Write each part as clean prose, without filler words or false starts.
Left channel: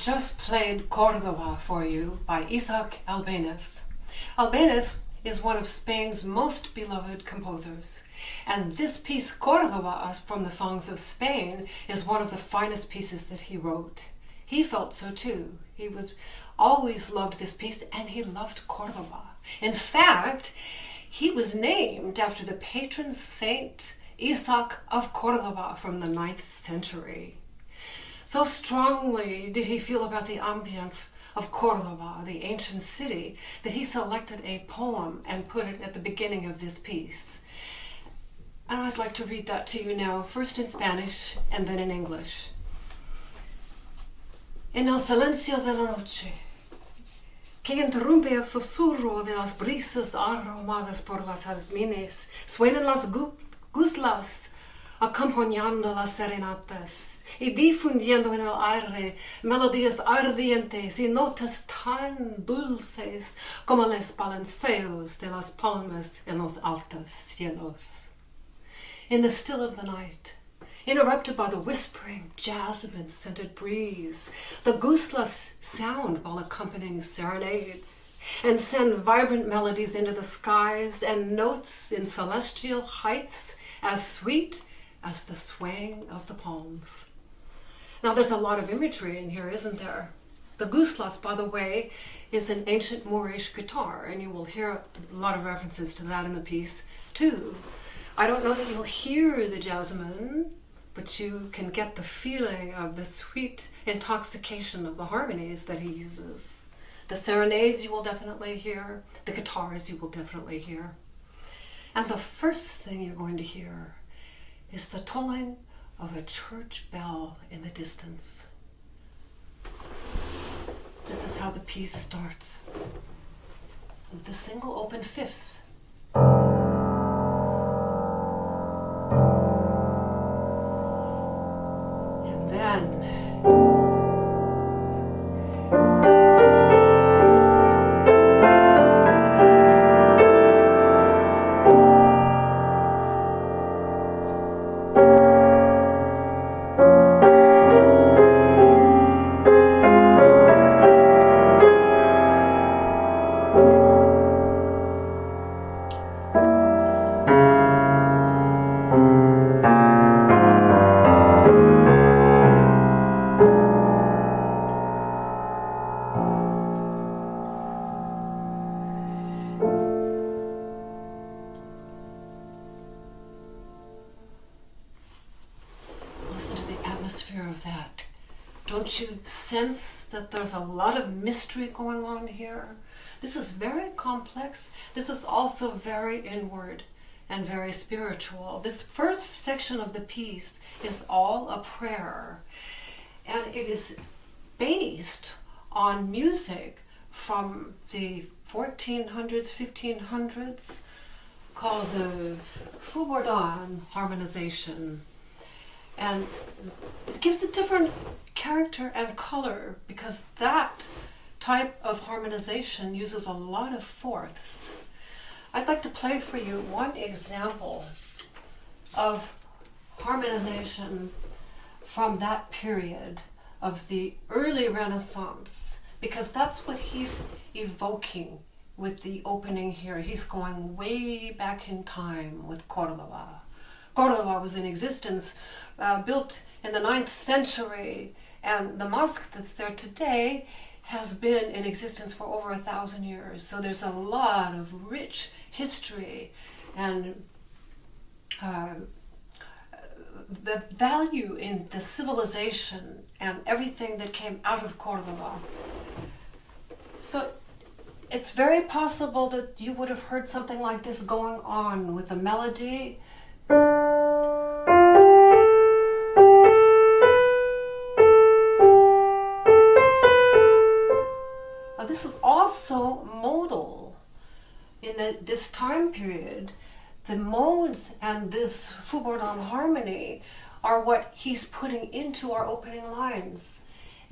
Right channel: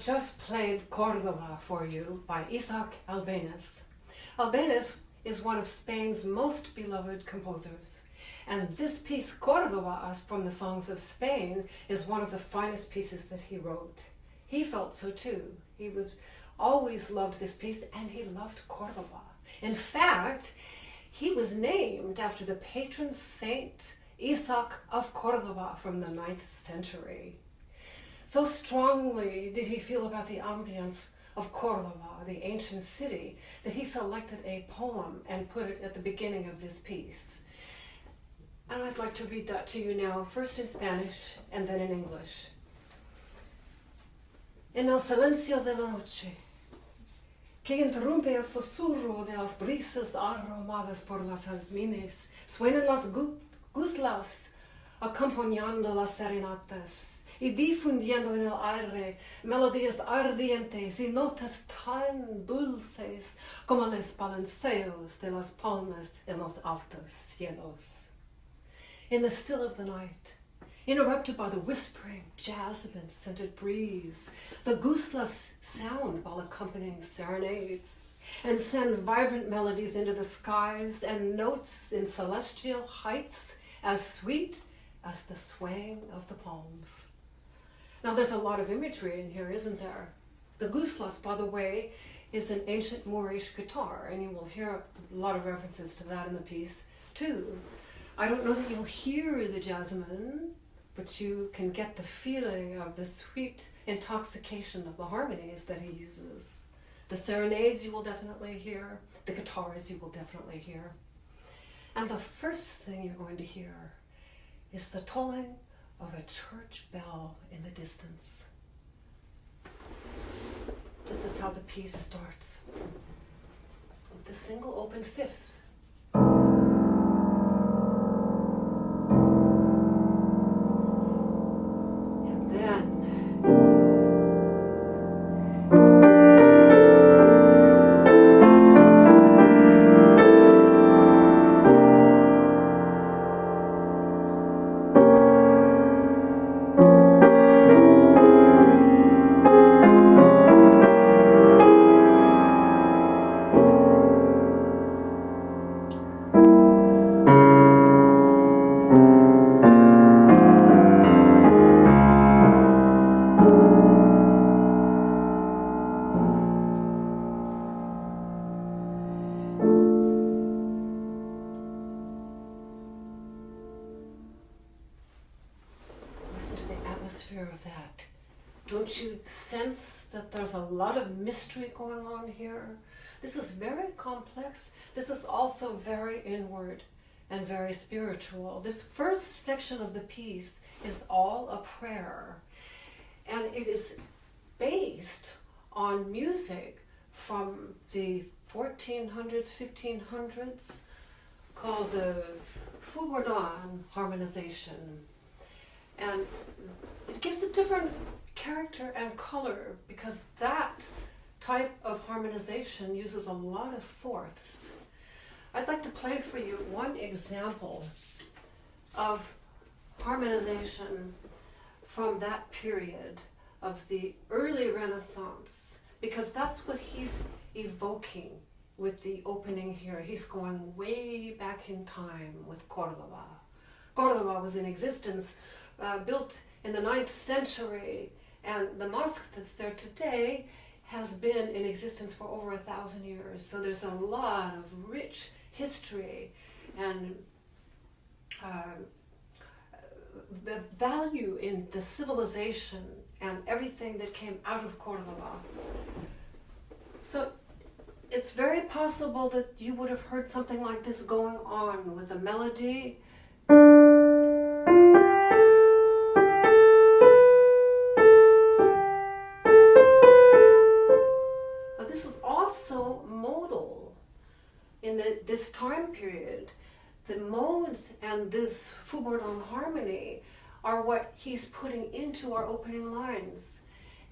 just played Cordoba for you by Albéniz. Albéniz is one of Spain's most beloved composers, and this piece, Cordoba, from the Songs of Spain, is one of the finest pieces that he wrote. He felt so too. He always loved this piece, and he loved Cordoba. In fact, he was named after the patron saint Isaac of Cordoba from the 9th century. So strongly did he feel about the ambience of Cordoba, the ancient city, that he selected a poem and put it at the beginning of this piece. And I'd like to read that to you now, first in Spanish and then in English. En el silencio de la noche, que interrumpe el susurro de las brisas aromadas por las jazmines, suenan las guslas acompañando las serenatas y difundiendo en el aire melodías ardientes y notas tan dulces como los balanceos de las palmas en los altos cielos. In the still of the night, interrupted by the whispering jasmine-scented breeze, the guslas sound while accompanying serenades and send vibrant melodies into the skies and notes in celestial heights as sweet as the swaying of the palms. Now there's a lot of imagery in here, isn't there? The guslas, by the way, is an ancient Moorish guitar, and you will hear a lot of references to that in the piece too. I don't know that you'll hear the jasmine, but you can get the feeling of the sweet intoxication of the harmonies that he uses. The serenades you will definitely hear, the guitars you will definitely hear. And the first thing you're going to hear is the tolling of a church bell in the distance. This is how the piece starts, with the single open fifth. And then of that. Don't you sense that there's a lot of mystery going on here? This is very complex. This is also very inward and very spiritual. This first section of the piece is all a prayer, and it is based on music from the 1400s, 1500s, called the Foubourdon harmonization. And it gives a different character and color because that type of harmonization uses a lot of fourths. I'd like to play for you one example of harmonization from that period of the early Renaissance, because that's what he's evoking with the opening here. He's going way back in time with Cordoba. Cordoba was in existence, built in the 9th century, and the mosque that's there today has been in existence for over 1,000 years. So there's a lot of rich history and the value in the civilization and everything that came out of Cordoba. So it's very possible that you would have heard something like this going on with a melody. This is also modal. In this time period, the modes and this Foubourdon harmony are what he's putting into our opening lines.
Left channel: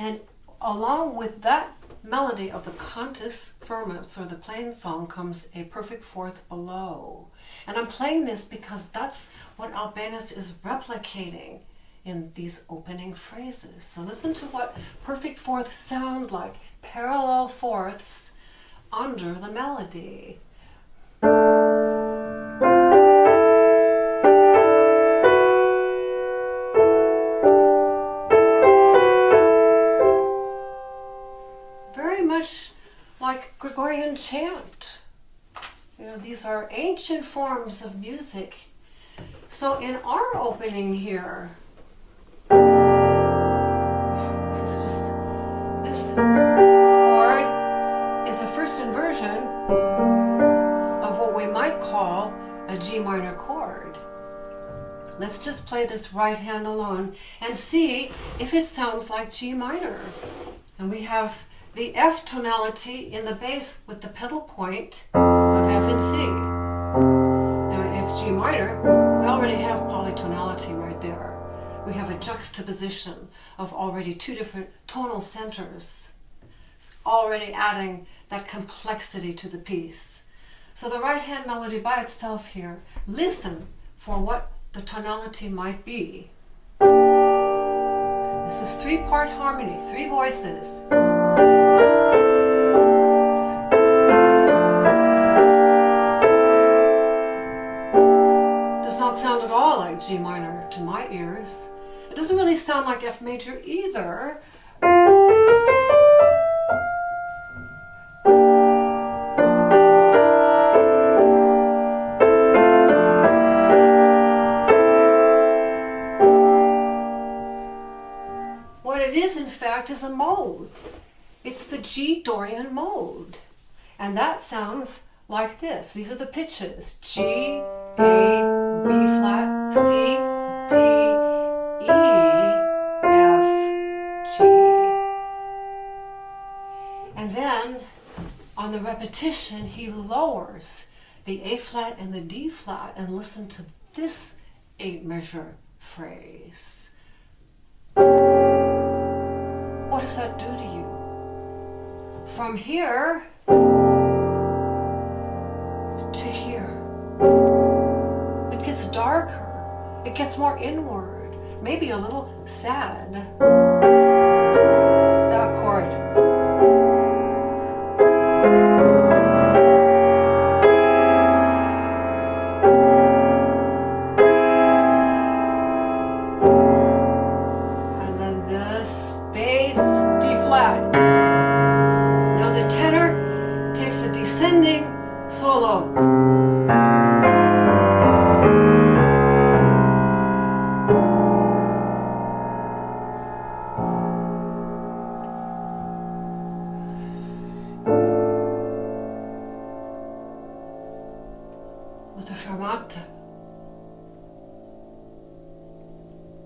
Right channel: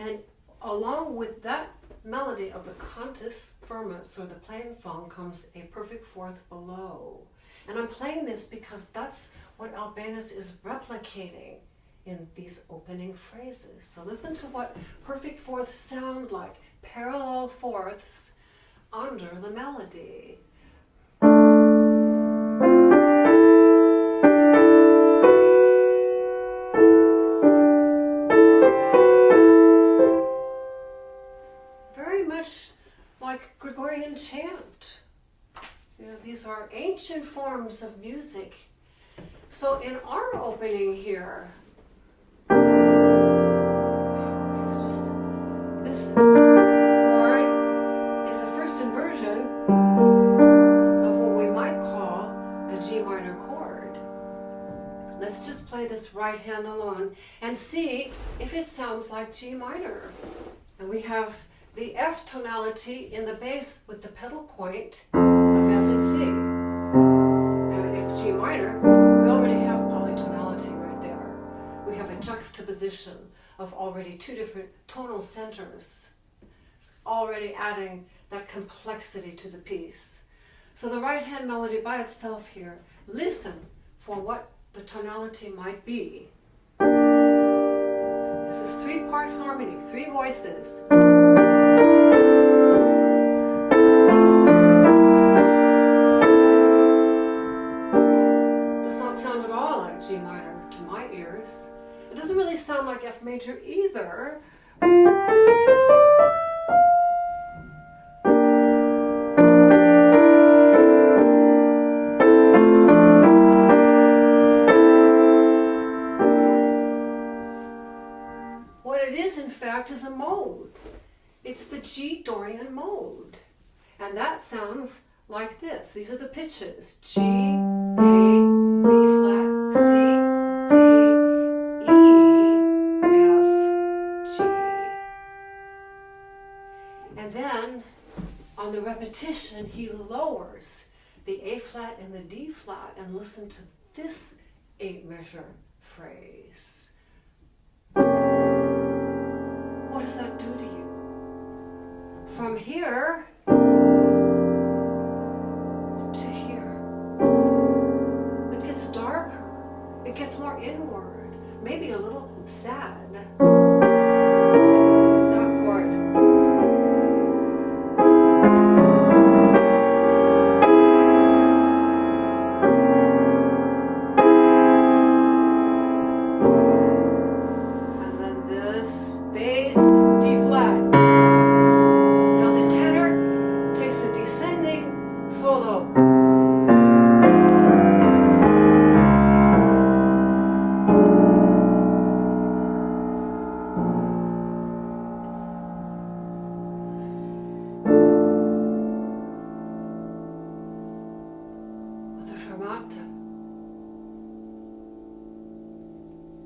And along with that melody of the cantus firmus, or the plain song, comes a perfect fourth below. And I'm playing this because that's what Albéniz is replicating in these opening phrases. So listen to what perfect fourths sound like, parallel fourths under the melody. Very much like Gregorian chant. You know, these are ancient forms of music. So in our opening here, this chord is the first inversion of what we might call a G minor chord. Let's just play this right hand alone and see if it sounds like G minor. And we have the F tonality in the bass with the pedal point of F and C. And if G minor, we already have polytonality right there. We have a juxtaposition of already two different tonal centers. It's already adding that complexity to the piece. So the right hand melody by itself here, listen for what the tonality might be. This is three-part harmony, three voices. Does not sound at all like G minor to my ears. It doesn't really sound like F major either. What it is, in fact, is a mode. It's the G Dorian mode. And that sounds like this. These are the pitches. G, A, B flat, C, D, E, F, G. And then on the repetition, he lowers the A flat and the D flat, and listen to this 8-measure phrase. What does that do to you? From here to here. It gets darker. It gets more inward. Maybe a little sad. That chord.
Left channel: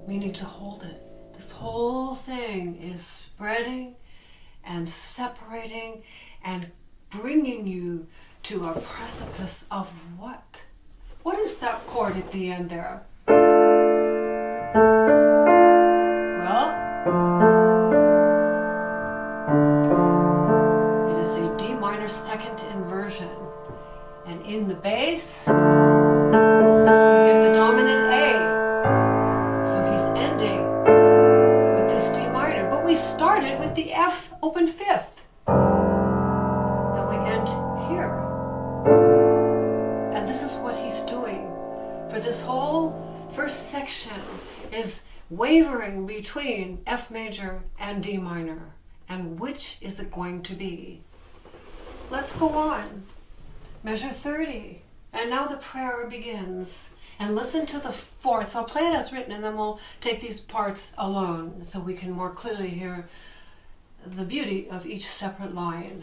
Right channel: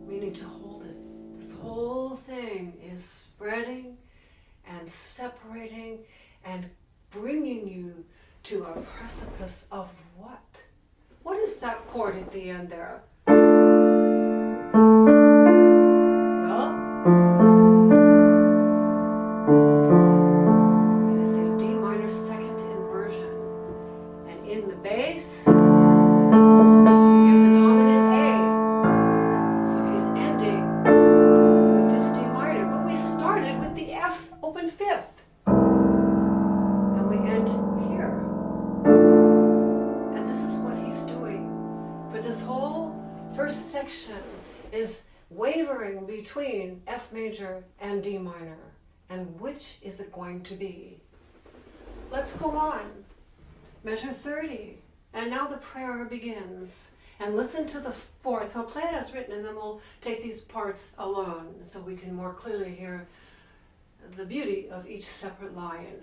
Meaning to hold it. This whole thing is spreading and separating and bringing you to a precipice of what? What is that chord at the end there? Well, it is a D minor second inversion. And in the bass, we get the dominant A. We started with the F open fifth, and we end here. And this is what he's doing for this whole first section, is wavering between F major and D minor. And which is it going to be? Let's go on. Measure 30. And now the prayer begins. And listen to the fourths. I'll play it as written, and then we'll take these parts alone so we can more clearly hear the beauty of each separate line.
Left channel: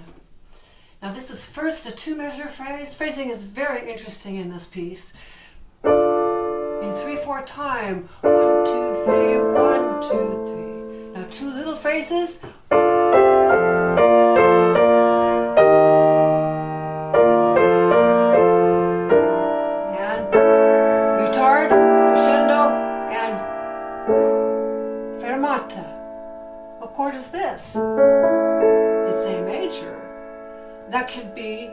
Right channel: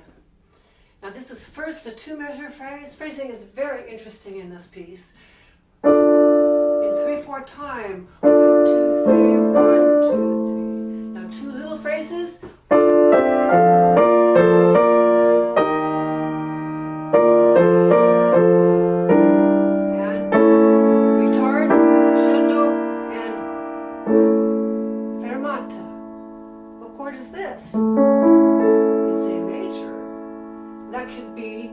Now this is first a 2-measure phrase. Phrasing is very interesting in this piece. In 3/4 time. 1, 2, 3, 1, 2, 3. Now 2 little phrases. What chord is this? It's A major. That could be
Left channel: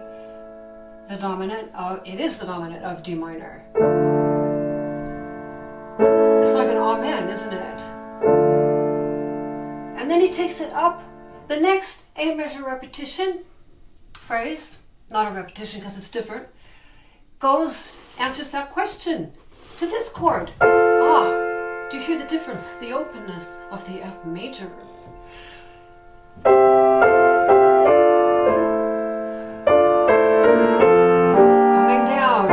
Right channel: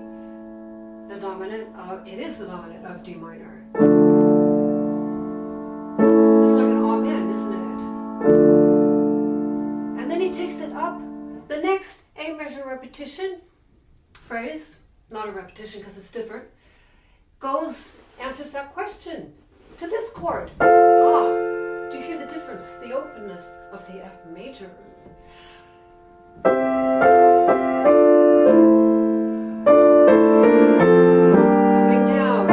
the dominant of, it is the dominant of D minor. It's like an Amen, isn't it? And then he takes it up. The next A major repetition phrase, not a repetition because it's different, answers that question to this chord. Do you hear the difference? The openness of the F major. Coming down.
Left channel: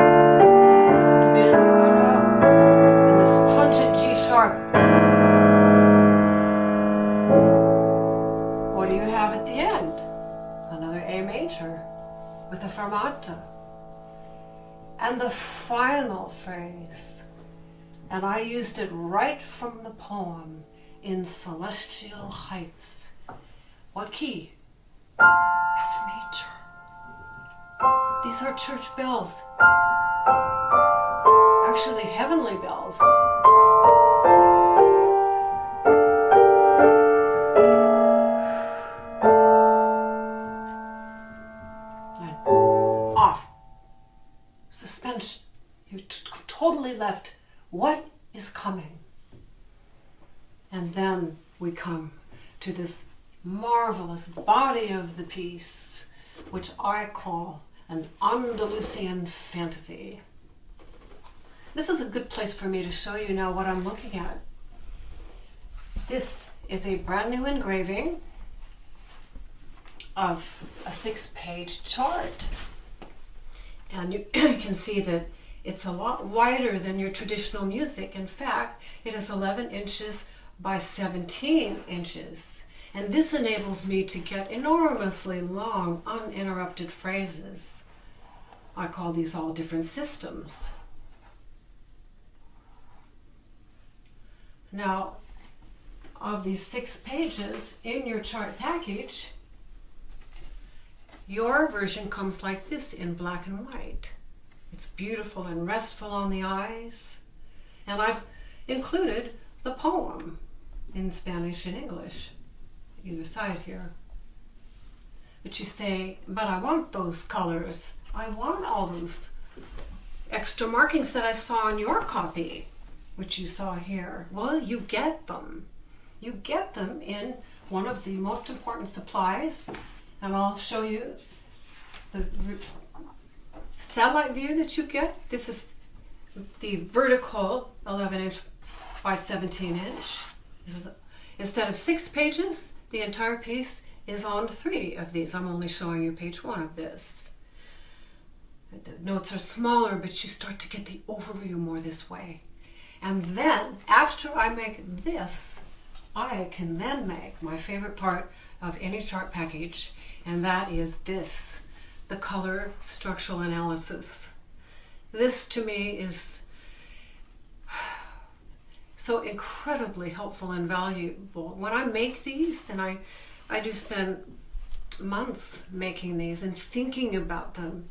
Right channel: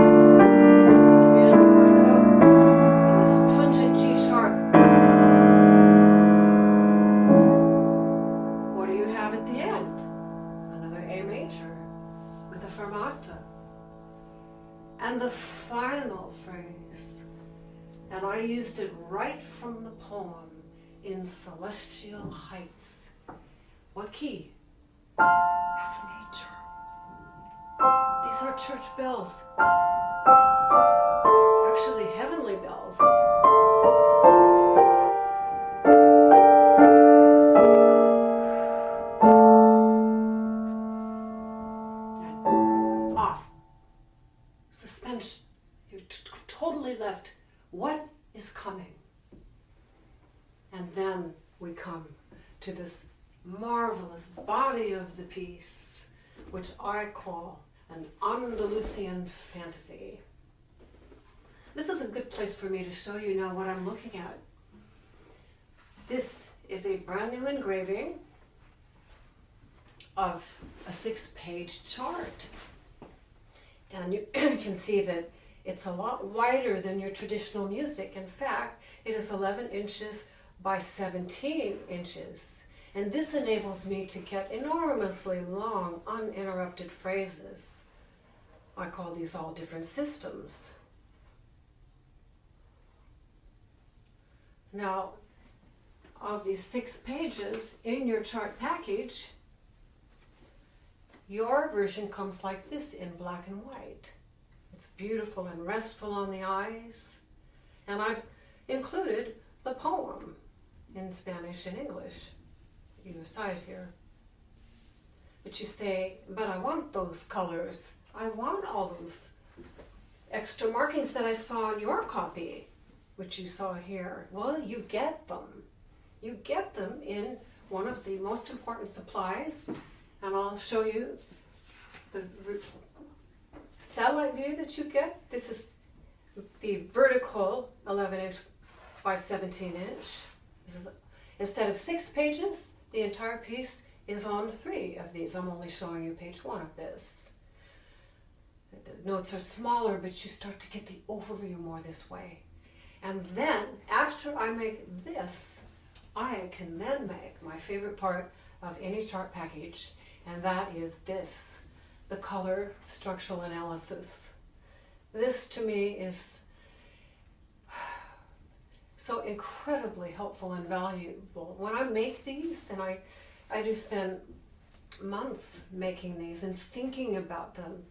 And this pungent G sharp. What do you have at the end? Another A major with a fermata. And the final phrase, and I used it right from the poem, in celestial heights. What key? F major. These are church bells. Actually, heavenly bells. And off. Suspension. You're totally left. What is coming? And then we come to this marvelous body of the piece, which I call an Andalusian fantasy. This is a good place for me to show you now what I'm looking at. This is a brand new engraving of a 6-page chart. And you can see that it's a lot wider than your traditional music. In fact, it is 11 inches by 17 inches. And this enables me to get enormously long, uninterrupted phrases. I call these all different systems. Now, of these 6 pages in your chart package, your version comes like this in black and white. It's beautiful and restful on the eyes. And I've included the poem in Spanish and English, either side here. But you say, but I want those colors. I want all those extra markings that I saw on your copy, which you saw here. Well, you get them. You get them in one of the most important supplies. And I'll show you the satellite view that you get. This is the vertical 11 inch by 17 inch. This is, instead of 6 pages, the entire piece is on 3 of these. I'm only showing you page 1 of this. The notes are smaller, but you start to get the overview more this way. And then, after I make this, I can then make my favorite part of any chart package, and that is this, the color structural analysis. This to me is so incredibly helpful and valuable. When I make these, and I do spend months making these and thinking about them.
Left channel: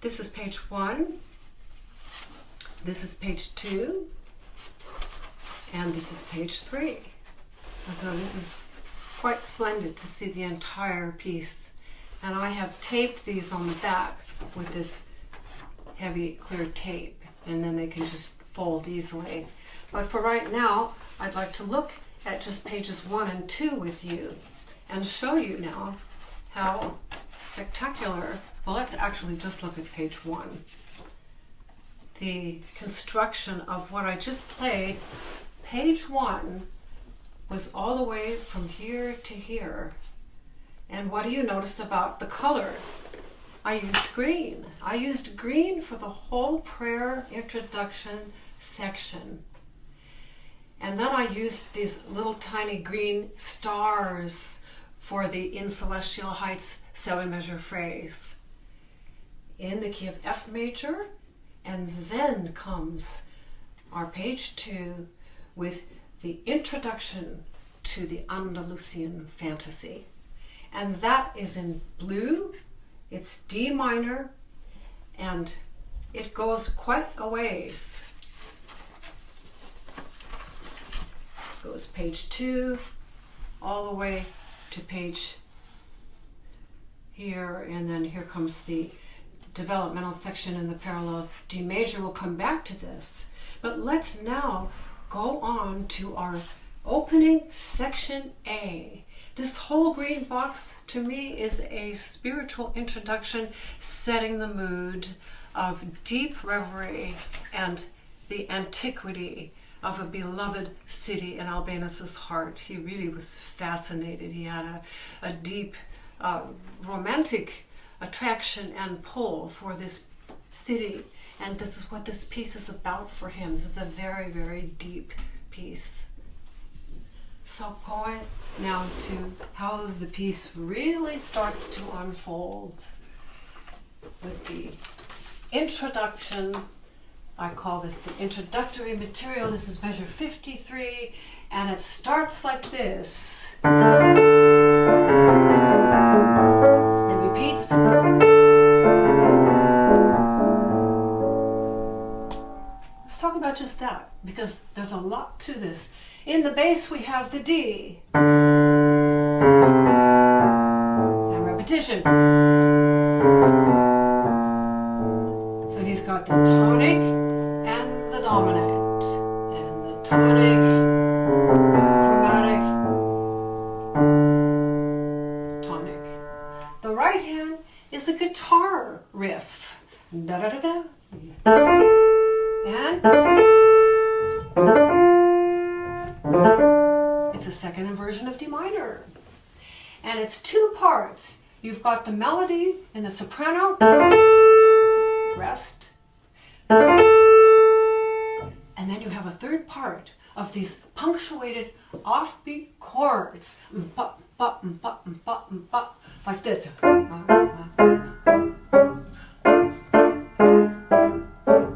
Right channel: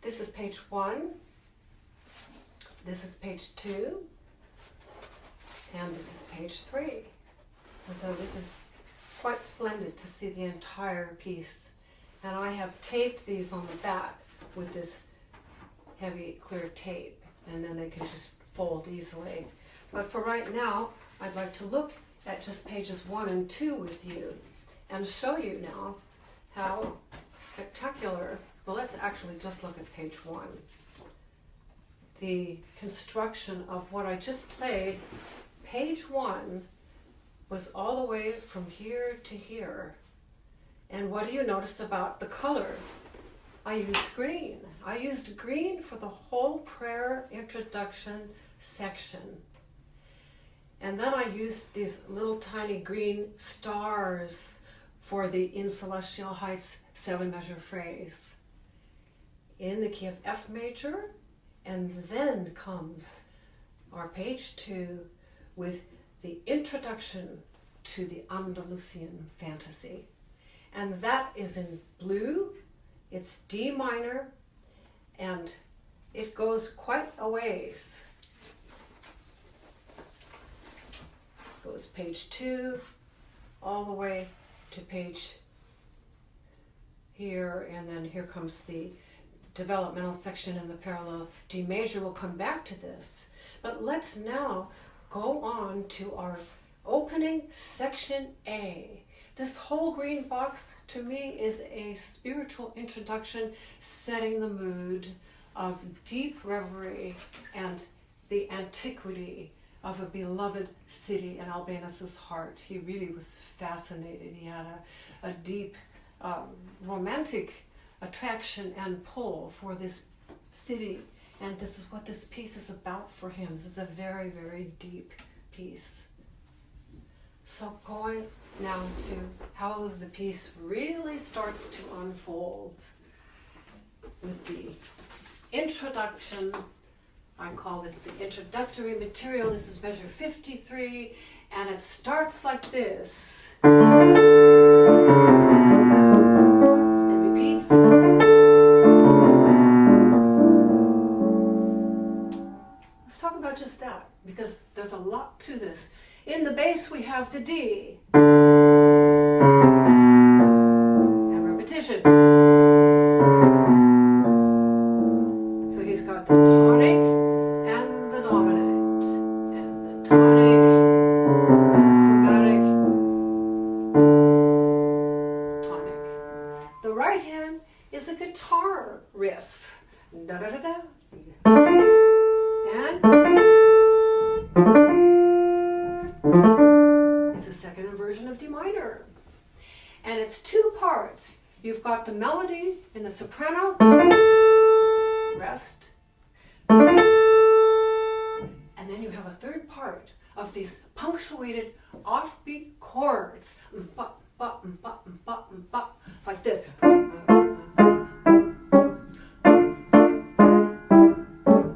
This is page 1, this is page 2, and this is page 3. Although this is quite splendid to see the entire piece. And I have taped these on the back with this heavy clear tape, and then they can just fold easily. But for right now, I'd like to look at just pages 1 and 2 with you and show you now how spectacular. Well, let's actually just look at page 1. The construction of what I just played, page 1 was all the way from here to here. And what do you notice about the color? I used green. I used green for the whole prayer introduction section. And then I used these little tiny green stars for the In Celestial Heights 7-measure phrase in the key of F major. And then comes our page 2 with the introduction to the Andalusian fantasy. And that is in blue. It's D minor, and it goes quite a ways. Goes page 2 all the way to page here, and then here comes the developmental section in the parallel D major. We'll come back to this, but let's now go on to our opening section A. This whole green box to me is a spiritual introduction, setting the mood of deep reverie and the antiquity of a beloved city in Albéniz's heart. He really was fascinated. He had a deep romantic attraction and pull for this city, and this is what this piece is about for him. This is a very, very deep piece. So going now to how the piece really starts to unfold with the introduction. I call this the introductory material. This is measure 53, and it starts like this. It repeats. Let's talk about just that, because there's a lot to this. In the bass we have the D. And repetition. So he's got the tonic and the dominant. And the tonic, chromatic, tonic. The right hand is a guitar riff. Da da da da. And it's a second inversion of D minor. And it's two parts. You've got the melody in the soprano, rest, and then you have a third part of these punctuated offbeat chords, like this.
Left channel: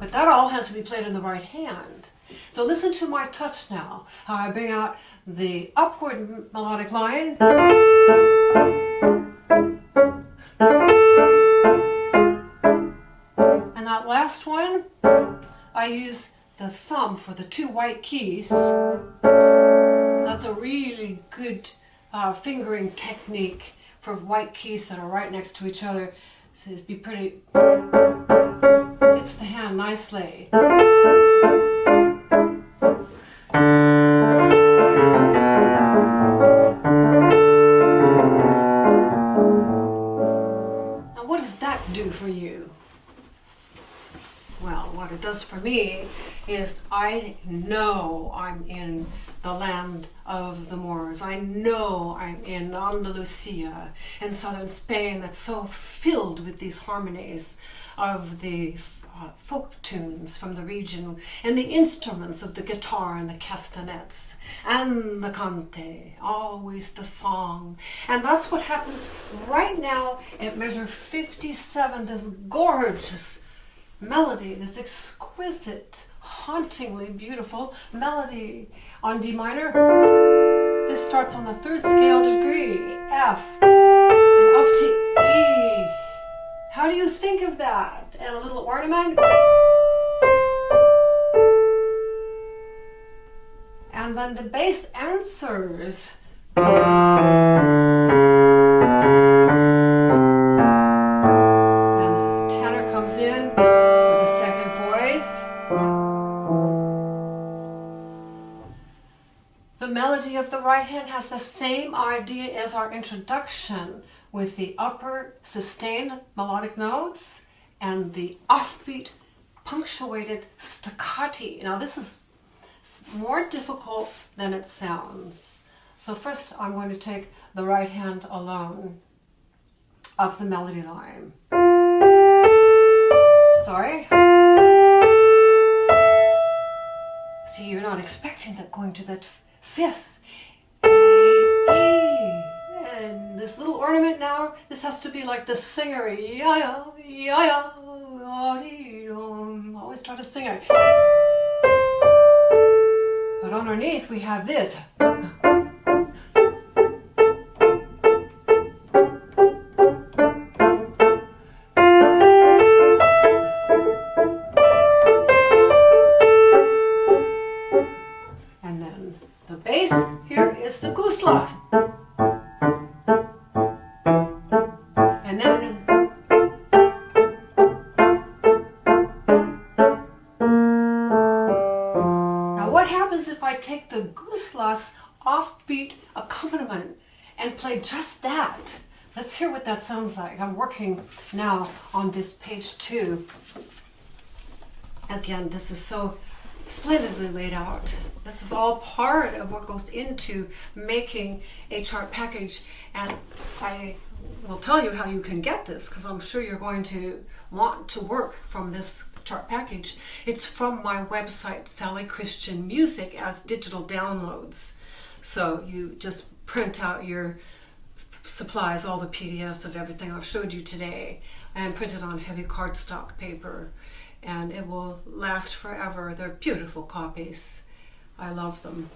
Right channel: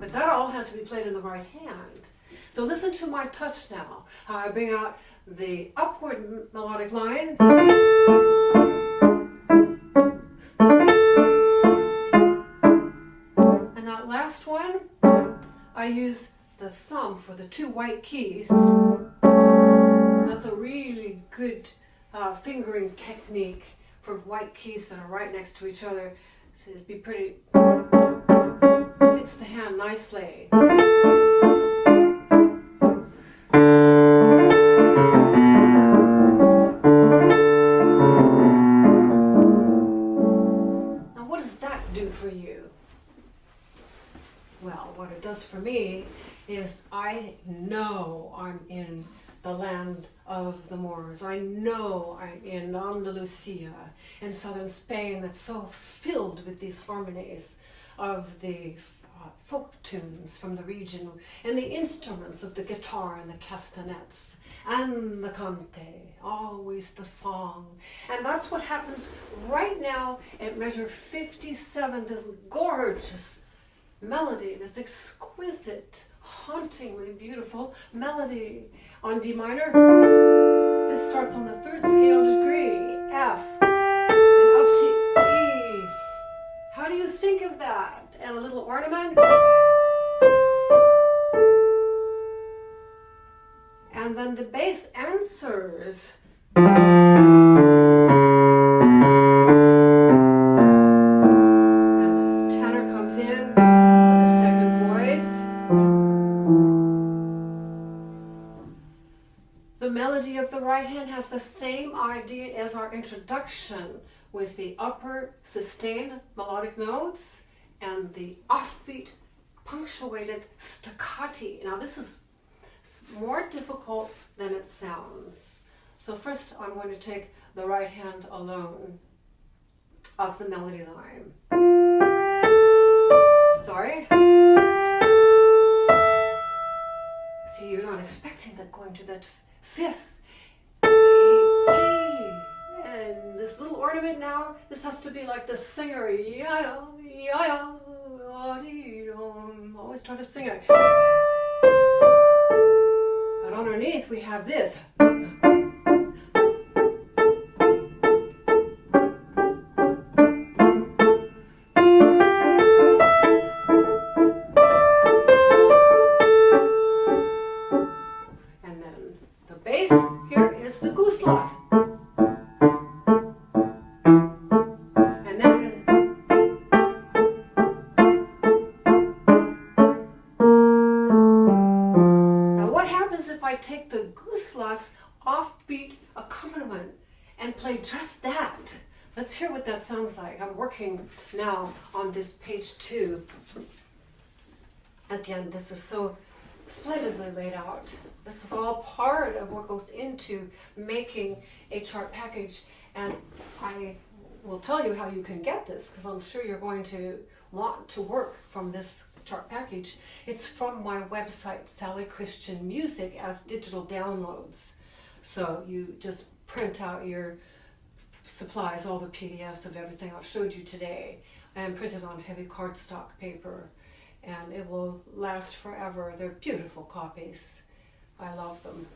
But that all has to be played in the right hand. So listen to my touch now, how I bring out the upward melodic line. And that last one, I use the thumb for the two white keys. That's a really good fingering technique for white keys that are right next to each other. So it's be pretty, fits the hand nicely. For you? Well, what it does for me is I know I'm in the land of the Moors. I know I'm in Andalusia in southern Spain, that's so filled with these harmonies of the folk tunes from the region and the instruments of the guitar and the castanets and the cante, always the song. And that's what happens right now at measure 57, this gorgeous melody, this exquisite, hauntingly beautiful melody on D minor. This starts on the third scale degree, F, and up to E. How do you think of that? And a little ornament. And then the bass answers. And the tenor comes in with a second voice. The melody of the right hand has the same idea as our introduction, with the upper sustained melodic notes and the offbeat punctuated staccati. Now this is more difficult than it sounds. So first I'm going to take the right hand alone of the melody line. Sorry. See, you're not expecting that going to that fifth. E. And this little ornament now, this has to be like the singer. Always try to sing it. But underneath we have this. And then the bass here is the gusla. sounds like. I'm working now on this page 2. Again, this is so splendidly laid out. This is all part of what goes into making a chart package, and I will tell you how you can get this, because I'm sure you're going to want to work from this chart package. It's from my website, Sally Christian Music, as digital downloads. So you just print out your supplies, all the PDFs of everything I've showed you today, and print it on heavy cardstock paper, and it will last forever. They're beautiful copies. I love them.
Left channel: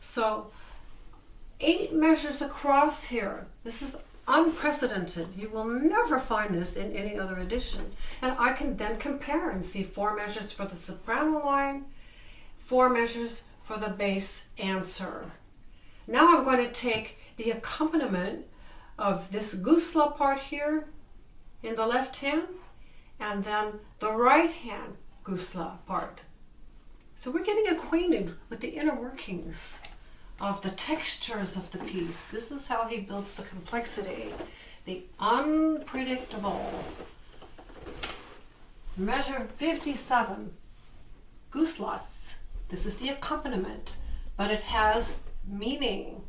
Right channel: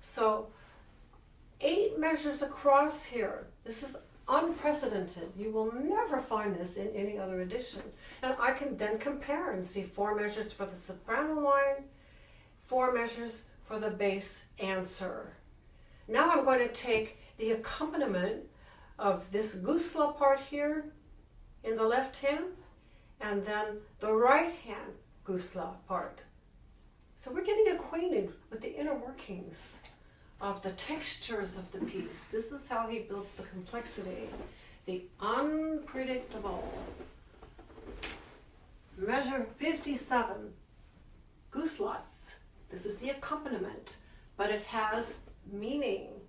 So 8 measures across here. This is unprecedented. You will never find this in any other edition. And I can then compare and see 4 measures for the soprano line, 4 measures for the bass answer. Now I'm going to take the accompaniment of this gusla part here in the left hand, and then the right hand gusla part. So we're getting acquainted with the inner workings of the textures of the piece. This is how he builds the complexity, the unpredictable. Measure 57, guslas. This is the accompaniment, but it has meaning.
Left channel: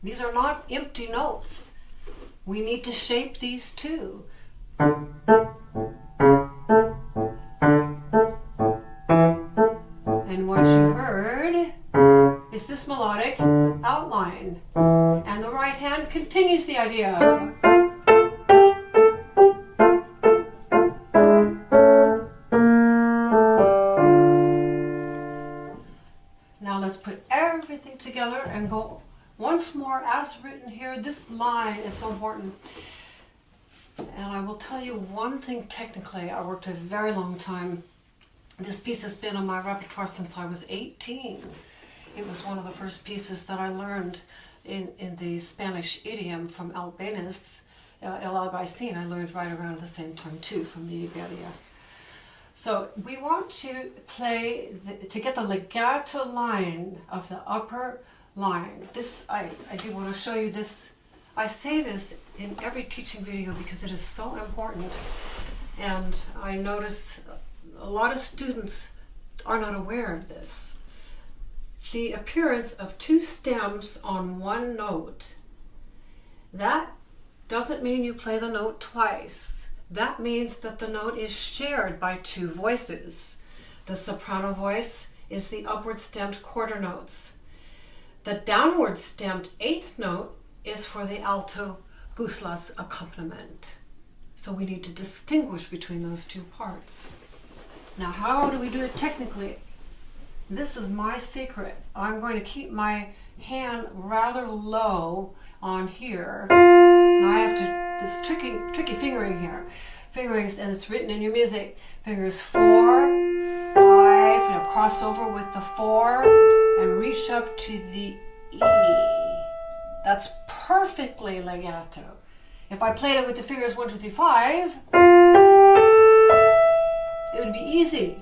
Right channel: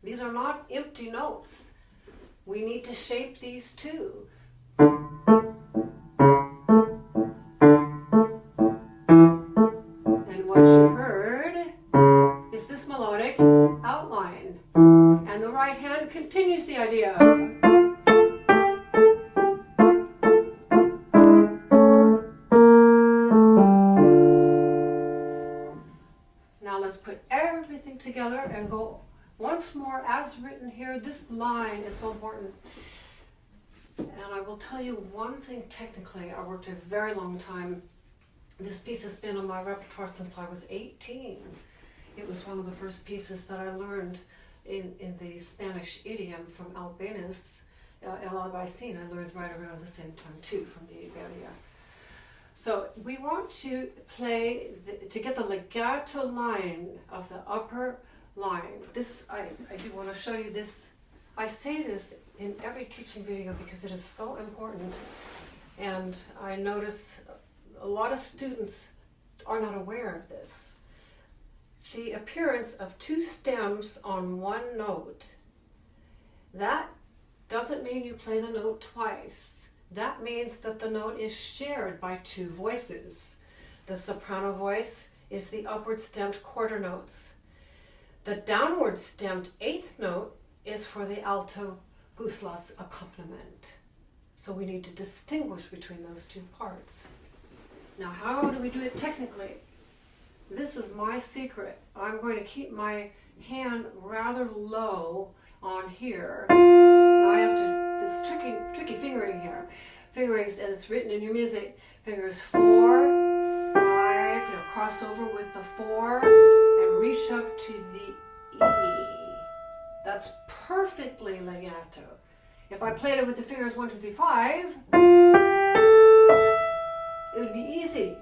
These are not empty notes. We need to shape these too. And what you heard is this melodic outline. And the right hand continues the idea. Now let's put everything together and go once more as written here. This line is so important. And I will tell you one thing technically. I worked a very long time. This piece has been on my repertoire since I was 18. It was one of the first pieces that I learned in the Spanish idiom from Albéniz. El Albaicin I learned right around the same time too, from the Iberia. So we want to play, to get the legato line of the upper line. This, I do want to show you this. I say this in every teaching video because it is so important. And I notice a lot of students are not aware of this. The appearance of 2 stems on 1 note, that doesn't mean you play the note twice. That means that the note is shared by 2 voices. The soprano voice is the upward stemmed quarter notes. The downward stemmed 8th note is for the alto guslas accompaniment. So we need to distinguish between those 2 parts. Now, how do we do it technically? This is my secret. I'm going to keep my hand rather low on here. Now I have to, this tricky fingering here. Fingerings, and it's written in your music. Fingers 4, 5, and a crossover with the 4, and reach up to the E. That's perfectly legato. If I played it with the fingers 1, 2, 3, 5, it would be easy.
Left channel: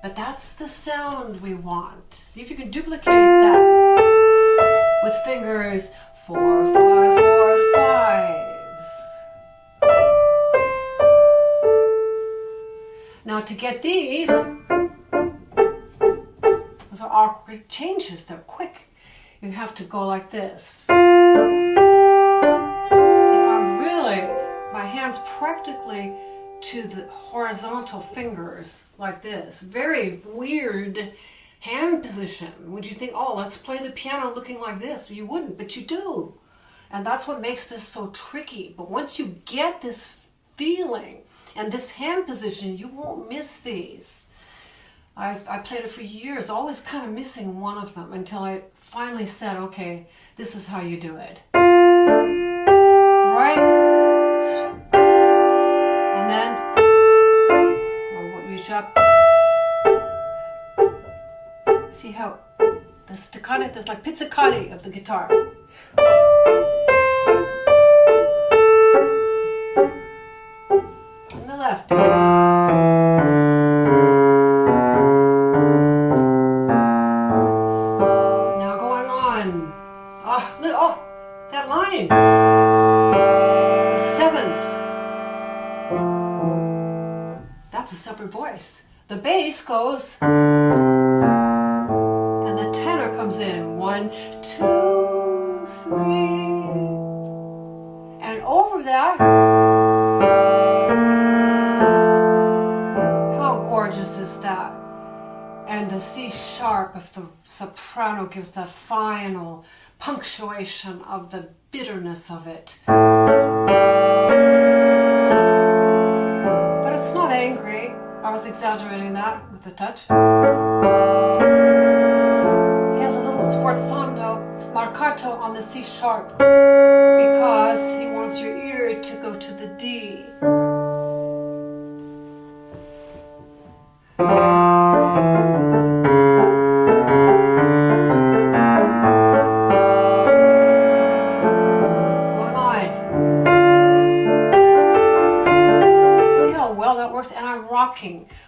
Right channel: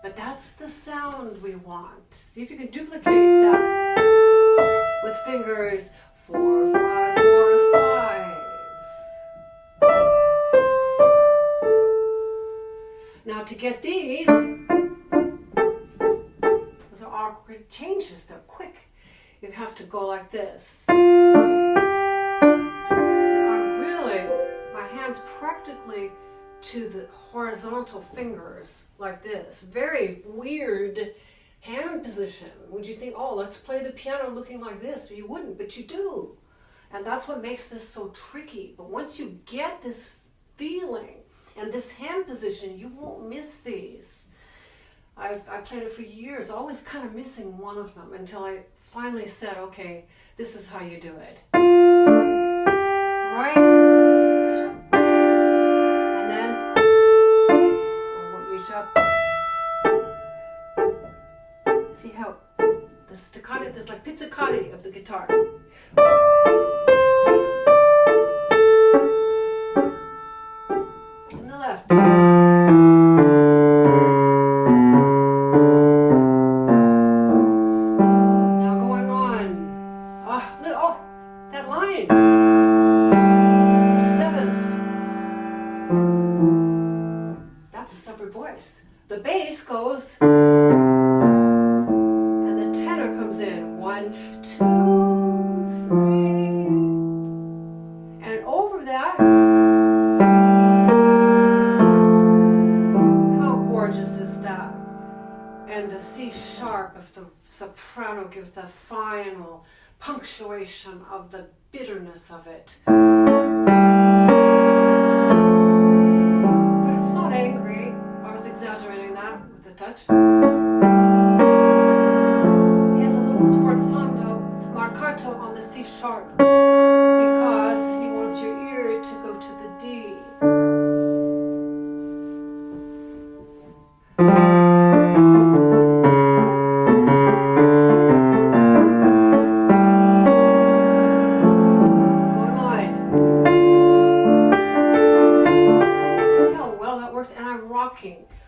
But that's the sound we want. See if you can duplicate that with fingers 4, 5, 4, 5. Now to get these, those are awkward changes. They're quick. You have to go like this. See, I'm really, my hand's practically to the horizontal fingers like this. Very weird hand position. Would you think, oh, let's play the piano looking like this? You wouldn't, but you do. And that's what makes this so tricky. But once you get this feeling and this hand position, you won't miss these. I played it for years, always kind of missing one of them until I finally said, okay, this is how you do it. Right? And then we'll reach up. See how the staccato, there's like pizzicati of the guitar. On the left. That line. that's a separate voice. The bass goes, and the tenor comes in. 1, 2, 3. And over that, how gorgeous is that? And the C sharp of the soprano gives the final punctuation of the bitterness of it. But it's not angry. I was exaggerating that with the touch. He has a little sforzando marcato on the C sharp because he wants your ear to go to the D.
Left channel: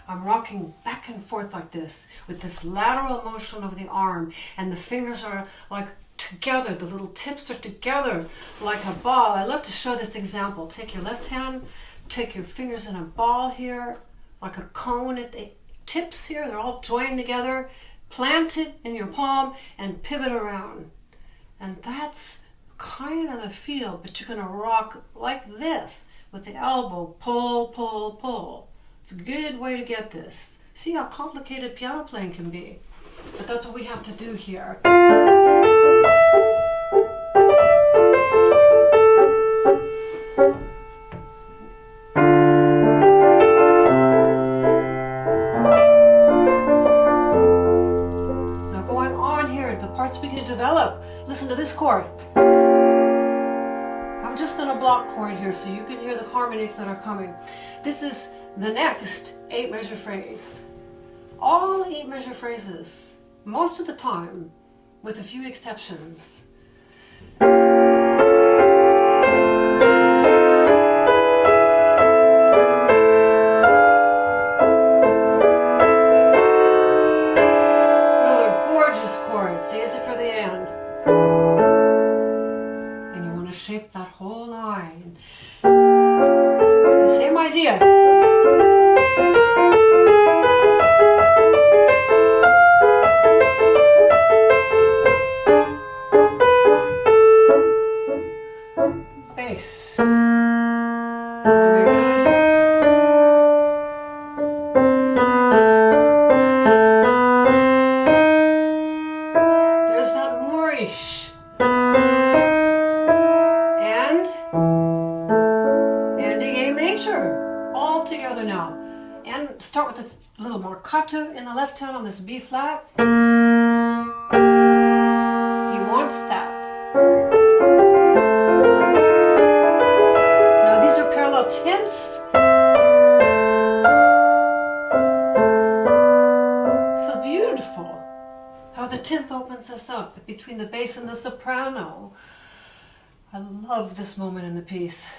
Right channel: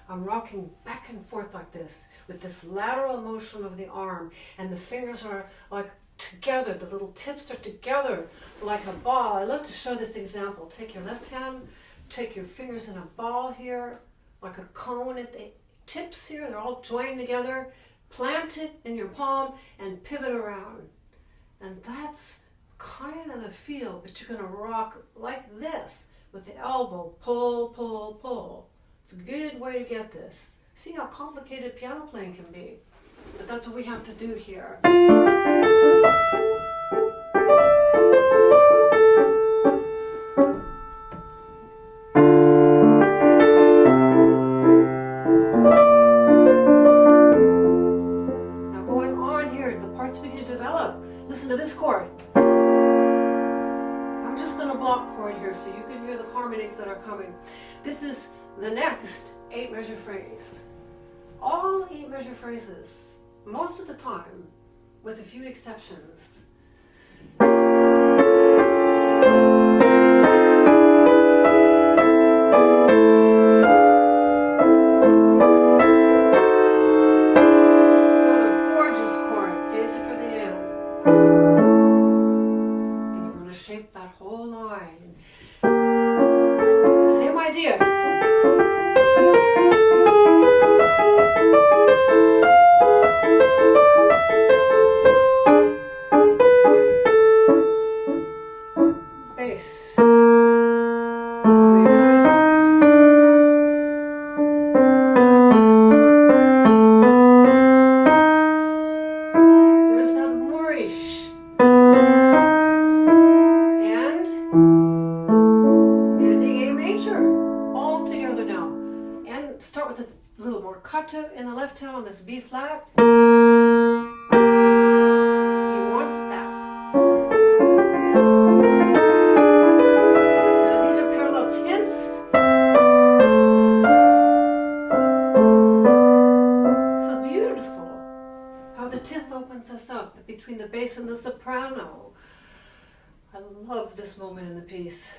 I'm rocking back and forth like this with this lateral motion of the arm, and the fingers are like together, the little tips are together like a ball. I love to show this example. Take your left hand, take your fingers in a ball here, like a cone at the tips here, they're all joined together, plant it in your palm and pivot around. And that's kind of the feel, but you're going to rock like this with the elbow, pull, pull, pull. It's a good way to get this. See how complicated piano playing can be. But that's what we have to do here. Now going on here, the parts we can develop. Listen to this chord. I'm just going to block chord here so you can hear the harmonies that are coming. This is the next 8-measure phrase. All 8-measure phrases, most of the time, with a few exceptions. Another gorgeous chord, saves it for the end. And you want to shape that whole line. Same idea. Bass. Very good. There's that Moorish. And ending A major. All together now. And start with this little marcato in the left hand on this B flat. He wants that. Opens us up between the bass and the soprano. I love this moment in the piece.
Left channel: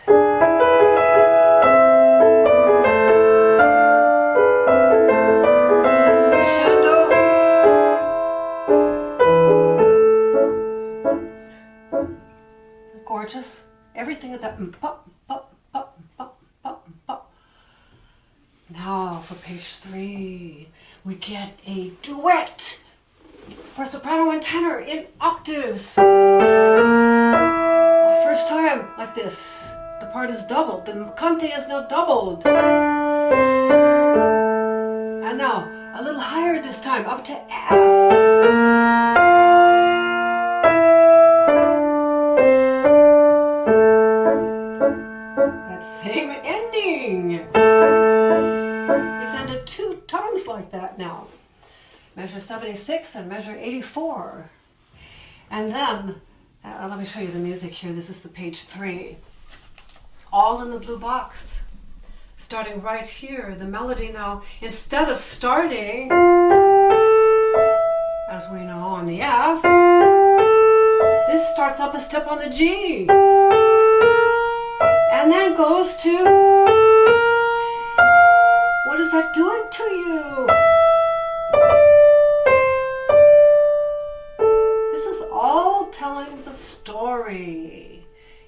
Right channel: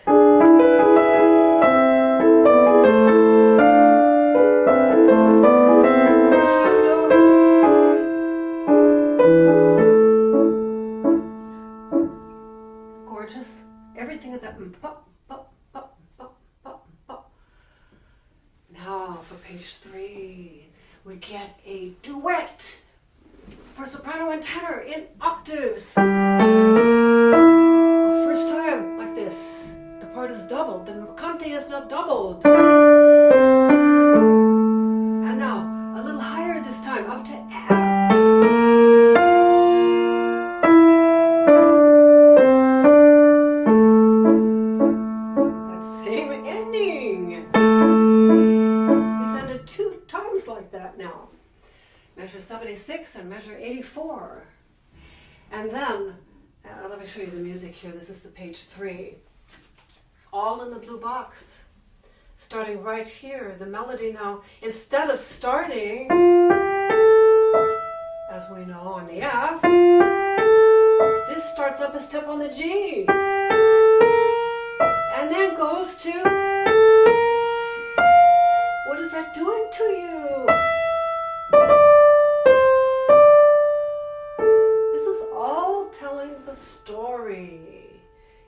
Crescendo. Gorgeous. Everything at that pop, pop, pop, pop, pop, pop. Now for page 3, we get a duet for soprano and tenor in octaves. First time like this. The part is doubled. The cante is now doubled. And now a little higher this time, up to F. That same ending. It's ended 2 times like that now. Measure 76 and measure 84. And then, let me show you the music here. This is the page 3. All in the blue box. Starting right here, the melody now, instead of starting, as we know, on the F, this starts up a step on the G. And then goes to, what is that doing to you? This is all telling the story.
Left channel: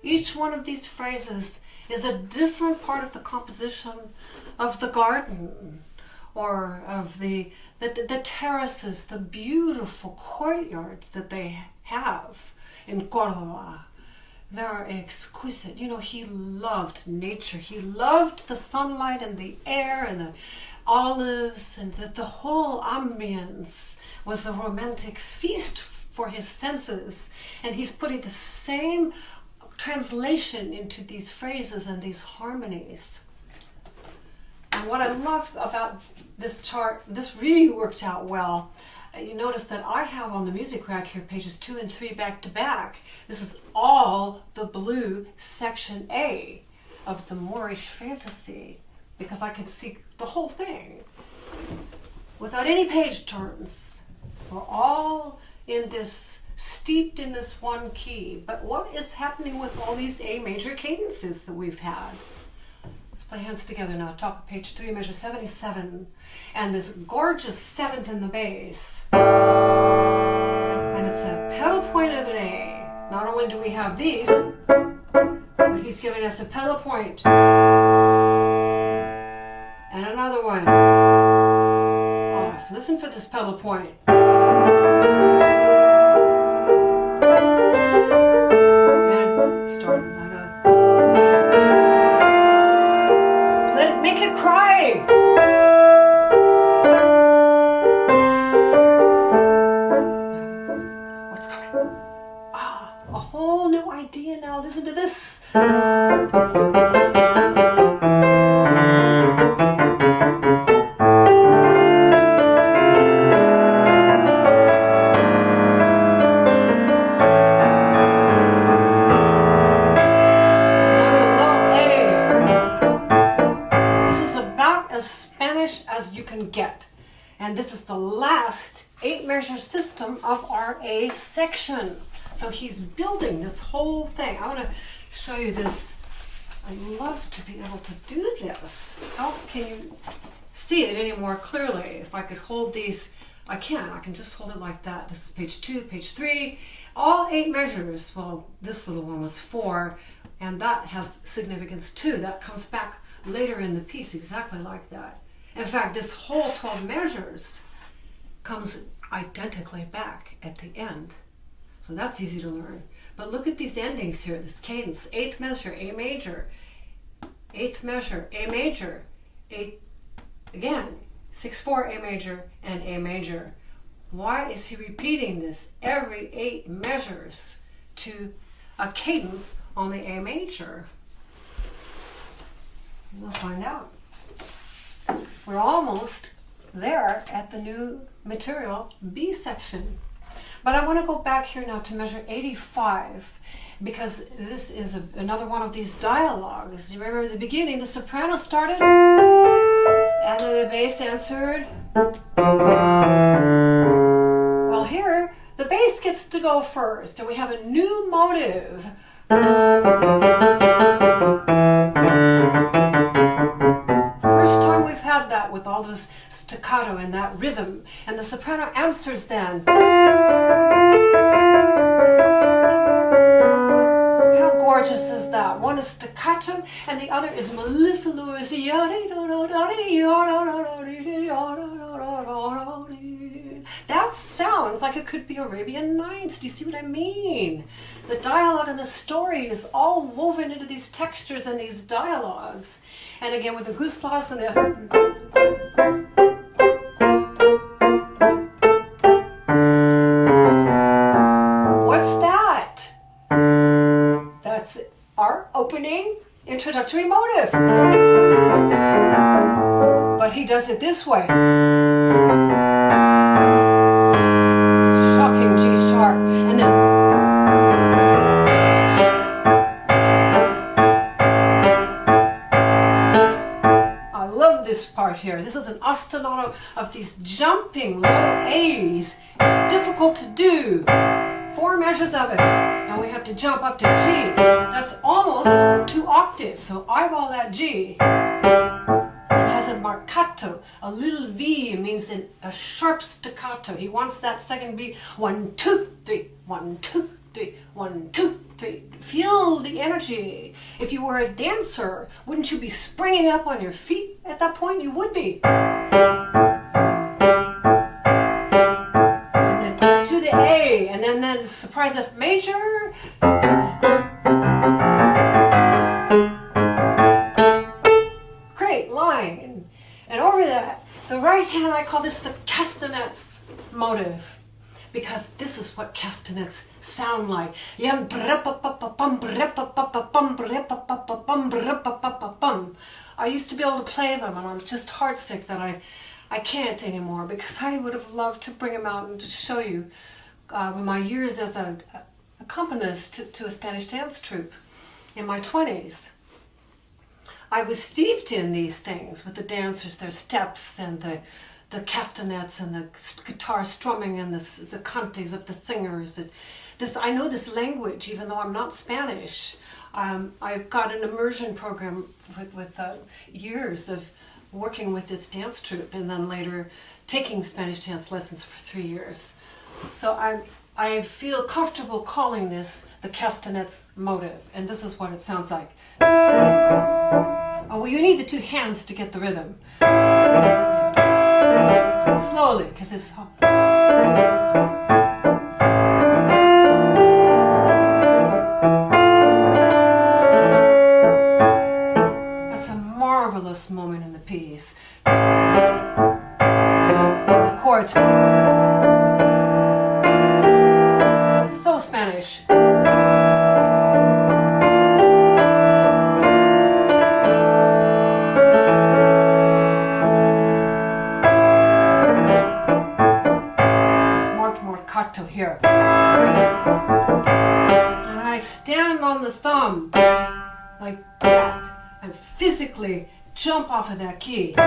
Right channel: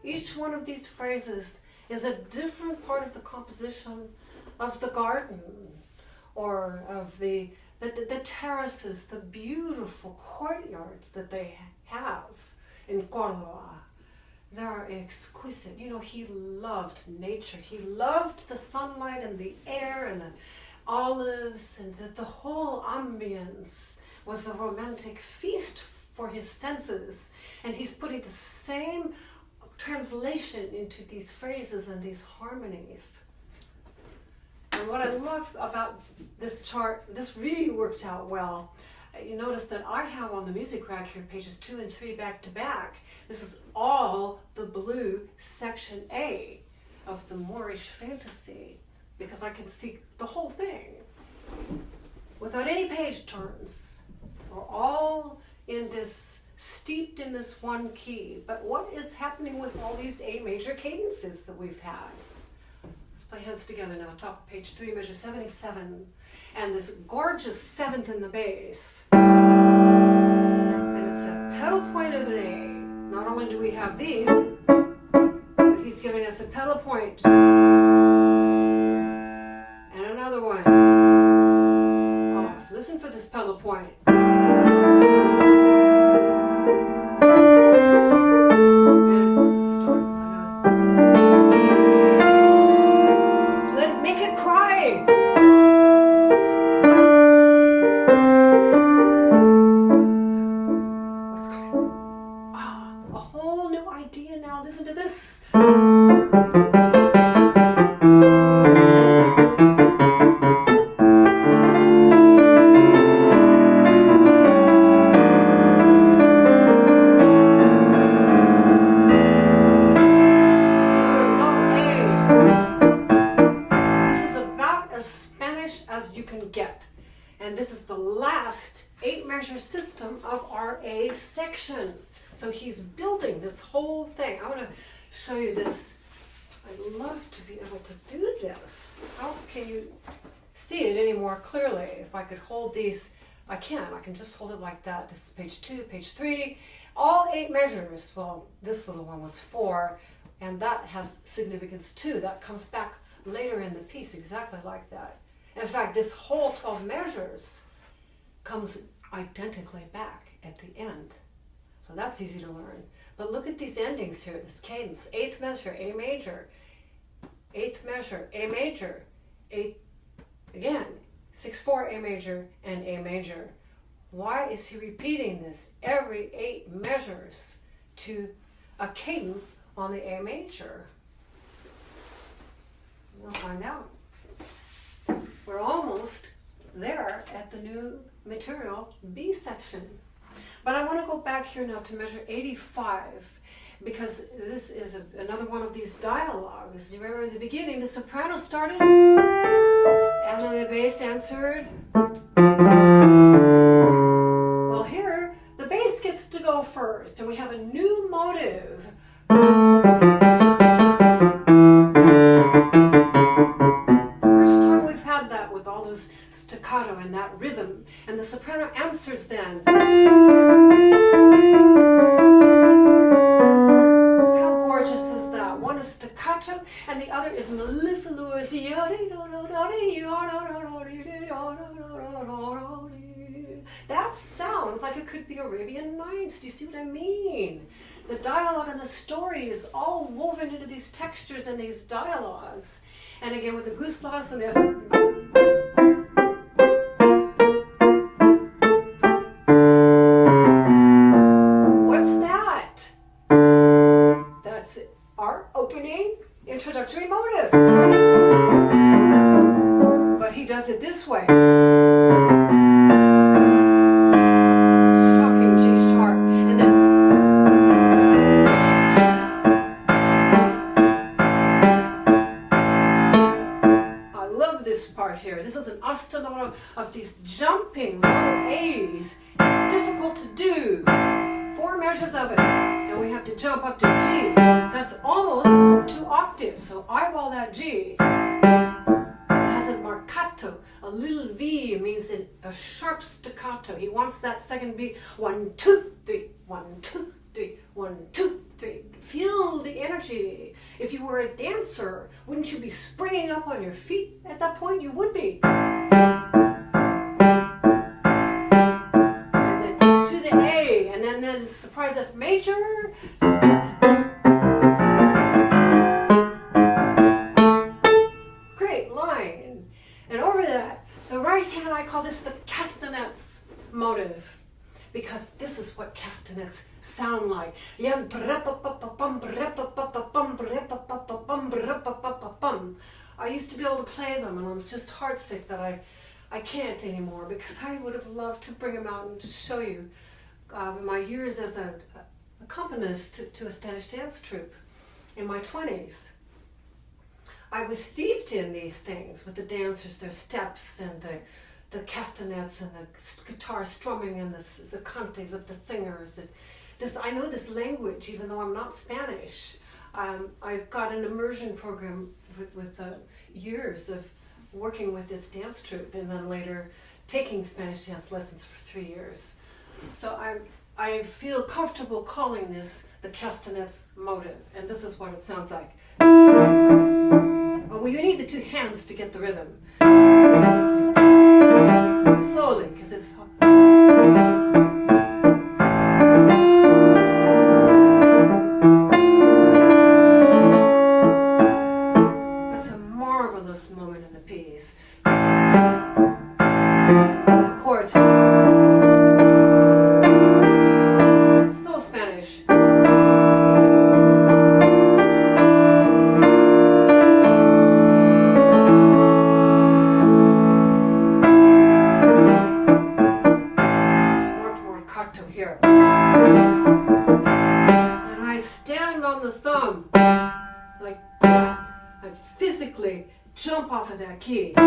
Each one of these phrases is a different part of the composition of the garden or of the terraces, the beautiful courtyards that they have in Cordoba. They're exquisite. You know, he loved nature. He loved the sunlight and the air and the olives, and that the whole ambience was a romantic feast for his senses. And he's putting the same translation into these phrases and these harmonies. And what I love about this chart, this really worked out well. You notice that I have on the music rack here pages 2 and 3 back to back. This is all the blue section A of the Moorish fantasy, because I can see the whole thing without any page turns. We're all in this, steeped in this one key. But what is happening with all these A major cadences that we've had? Let's play hands together now. Top of page 3, measure 77. And this gorgeous 7th in the bass. And it's a pedal point of an A. Not only do we have these, but he's giving us a pedal point. And another one. Off. Listen for this pedal point. And start. Let it make it cry. What's coming? Ah, a whole new idea now. Listen to this. And this is the last 8-measure system of our A section. So he's building this whole thing. I want to show you this. I'd love to be able to do this. How can you see it any more clearly? If I could hold these, I can just hold it like that. This is page 2, page 3, all 8 measures. Well, this little one was 4, and that has significance too. That comes back later in the piece exactly like that. In fact, this whole 12 measures comes identically back at the end. So that's easy to learn. But look at these endings here, this cadence. 8th measure, A major. 8th measure, A major. 8th, again, 6/4, A major, and A major. Why is he repeating this every 8 measures to a cadence on the A major? We'll find out. We're almost there at the new material B section. But I want to go back here now to measure 85, because this is another one of these dialogues. You remember at the beginning, the soprano started, and then the bass answered. Well, here, the bass gets to go first, and we have a new motive. With all this staccato and that rhythm, and the soprano answers then. How gorgeous is that? One is staccato and the other is mellifluous. That sounds like it could be Arabian Nights. Do you see what I mean? The dialogue and the story is all woven into these textures and these dialogues. And again with the guslas and the... What's that? That's our opening introductory motive. But he does it this way. Shocking G sharp. And then... this part here. This is an ostinato of these jumping low A's. It's difficult to do. 4 measures of it. Now we have to jump up to G. That's almost 2 octaves. So eyeball that G. It has a marcato. A little V means a sharp staccato. He wants that second beat. 1, 2, 3. 1, 2, 3, 1, 2, 3. Feel the energy. If you were a dancer, wouldn't you be springing up on your feet at that point? You would be. And then to the A, and then the surprise F major. Great line. And over that, the right hand, I call this the castanets motive, because this is what castanets sound like. I used to be able to play them, and I'm just heartsick that I can't anymore, because I would have loved to bring them out and to show you my years as an accompanist to a Spanish dance troupe in my 20s. I was steeped in these things with the dancers, their steps and the castanets and the guitar strumming and the cantes of the singers. I know this language, even though I'm not Spanish. I've got an immersion program with years of working with this dance troupe, and then later taking Spanish dance lessons for 3 years. So I feel comfortable calling this the castanets motive, and this is what it sounds like. Oh, well, you need the 2 hands to get the rhythm. Slowly, because it's... That's a marvelous moment in the piece. The chords. So Spanish. To here. And I stand on the thumb like that and physically jump off of that key. Now,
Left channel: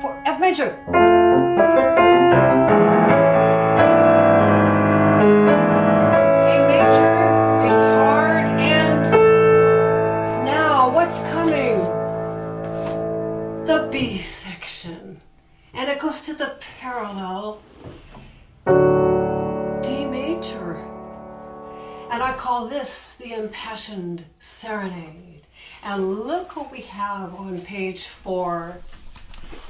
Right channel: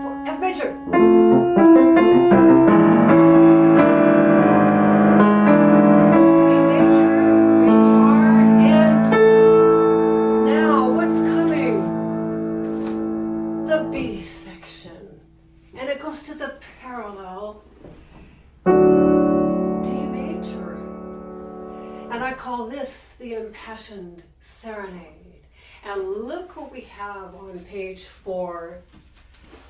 for F major. To the parallel D major, and I call this the impassioned serenade. And look what we have on page 4.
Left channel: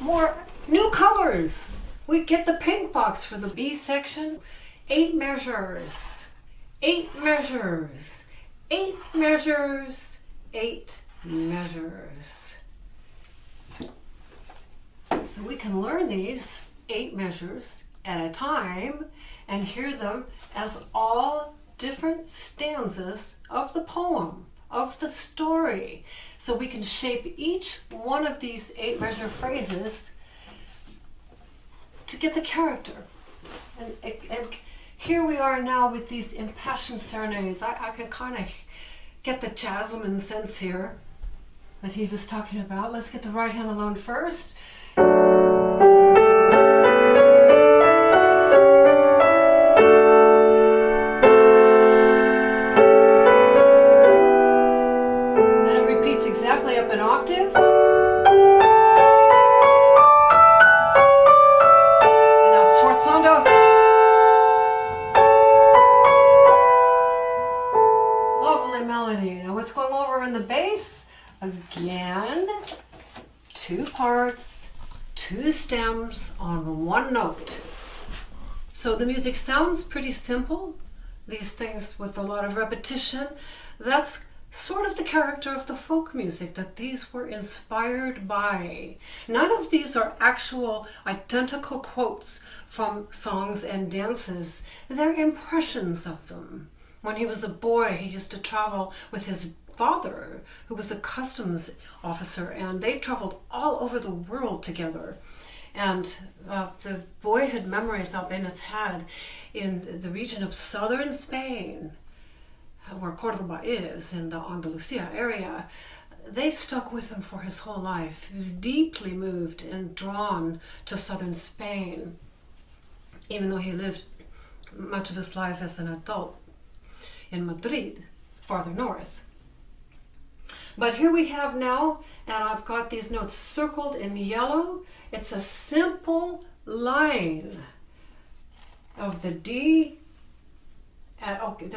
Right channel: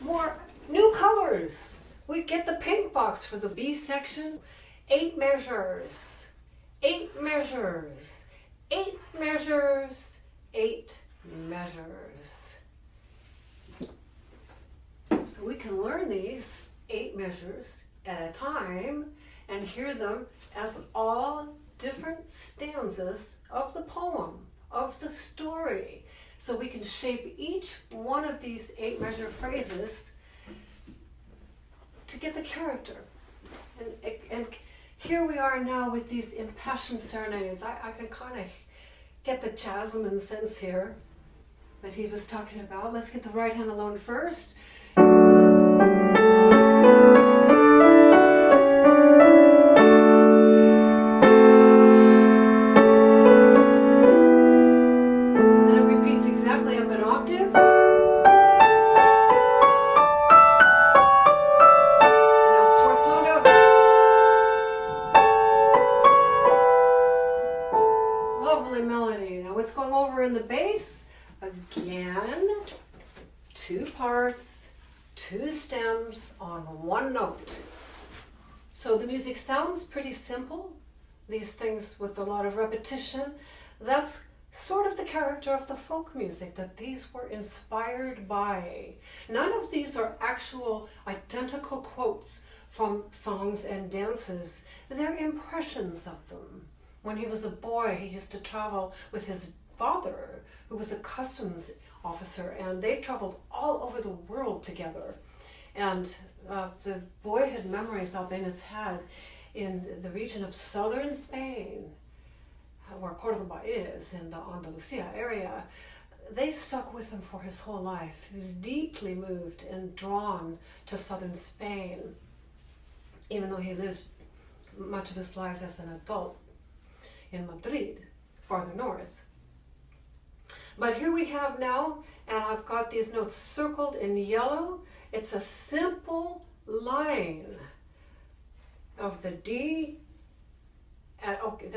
More new colors. We get the pink box for the B section. 8 measures, 8 measures, 8 measures, 8 measures. So we can learn these 8 measures at a time and hear them as all different stanzas of the poem, of the story. So we can shape each one of these 8 measure phrases to get the character. And here we are now with these impassioned serenades. I can kind of get the jasmine sense here that he was talking about. Let's get the right hand alone first. Again, 2 parts, 2 stems on 1 note. So the music sounds pretty simple, these things with a lot of repetition. That's sort of the character of the folk music, that these were inspired by. None of these are actual identical quotes from songs and dances. They're impressions of them. When he was a boy, he used to travel with his father, who was a customs officer, and they traveled all over the world together. And the boyhood memories Albéniz had in the region of southern Spain, where Cordoba is, in the Andalusian area, they stuck with him for his whole life. He was deeply moved and drawn to southern Spain, even though he lived much of his life as an adult in Madrid, farther north. But here we have now, and I've got these notes circled in yellow, It's a simple line of the D. And okay,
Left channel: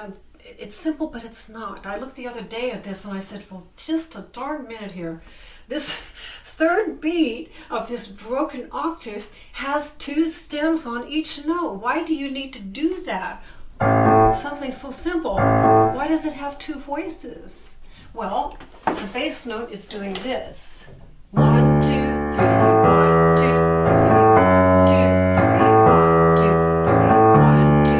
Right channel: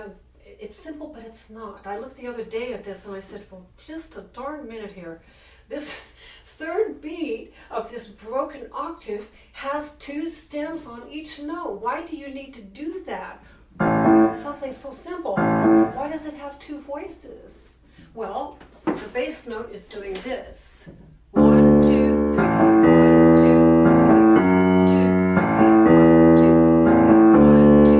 it's simple, but it's not. I looked the other day at this and I said, well, just a darn minute here. This third beat of this broken octave has 2 stems on each note. Why do you need to do that? Something so simple. Why does it have 2 voices? Well, the bass note is doing this. 1, 2, 3, 1, 2, 3, 2, 3, 1, 2, 3, 1, 2.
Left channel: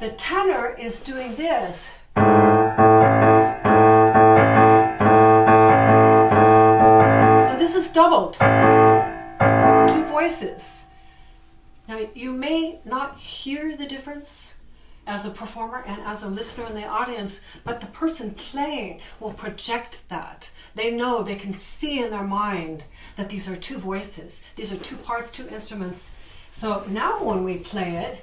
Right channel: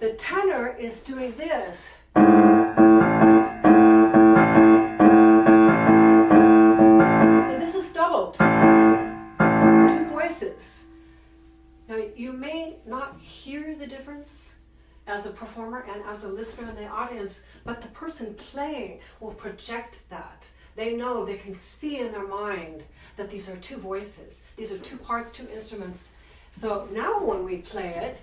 The tenor is doing this. So this is doubled. 2 voices. Now you may not hear the difference as a performer and as a listener in the audience, but the person playing will project that. They know, they can see in their mind that these are 2 voices. These are 2 parts, 2 instruments. So now when we play it,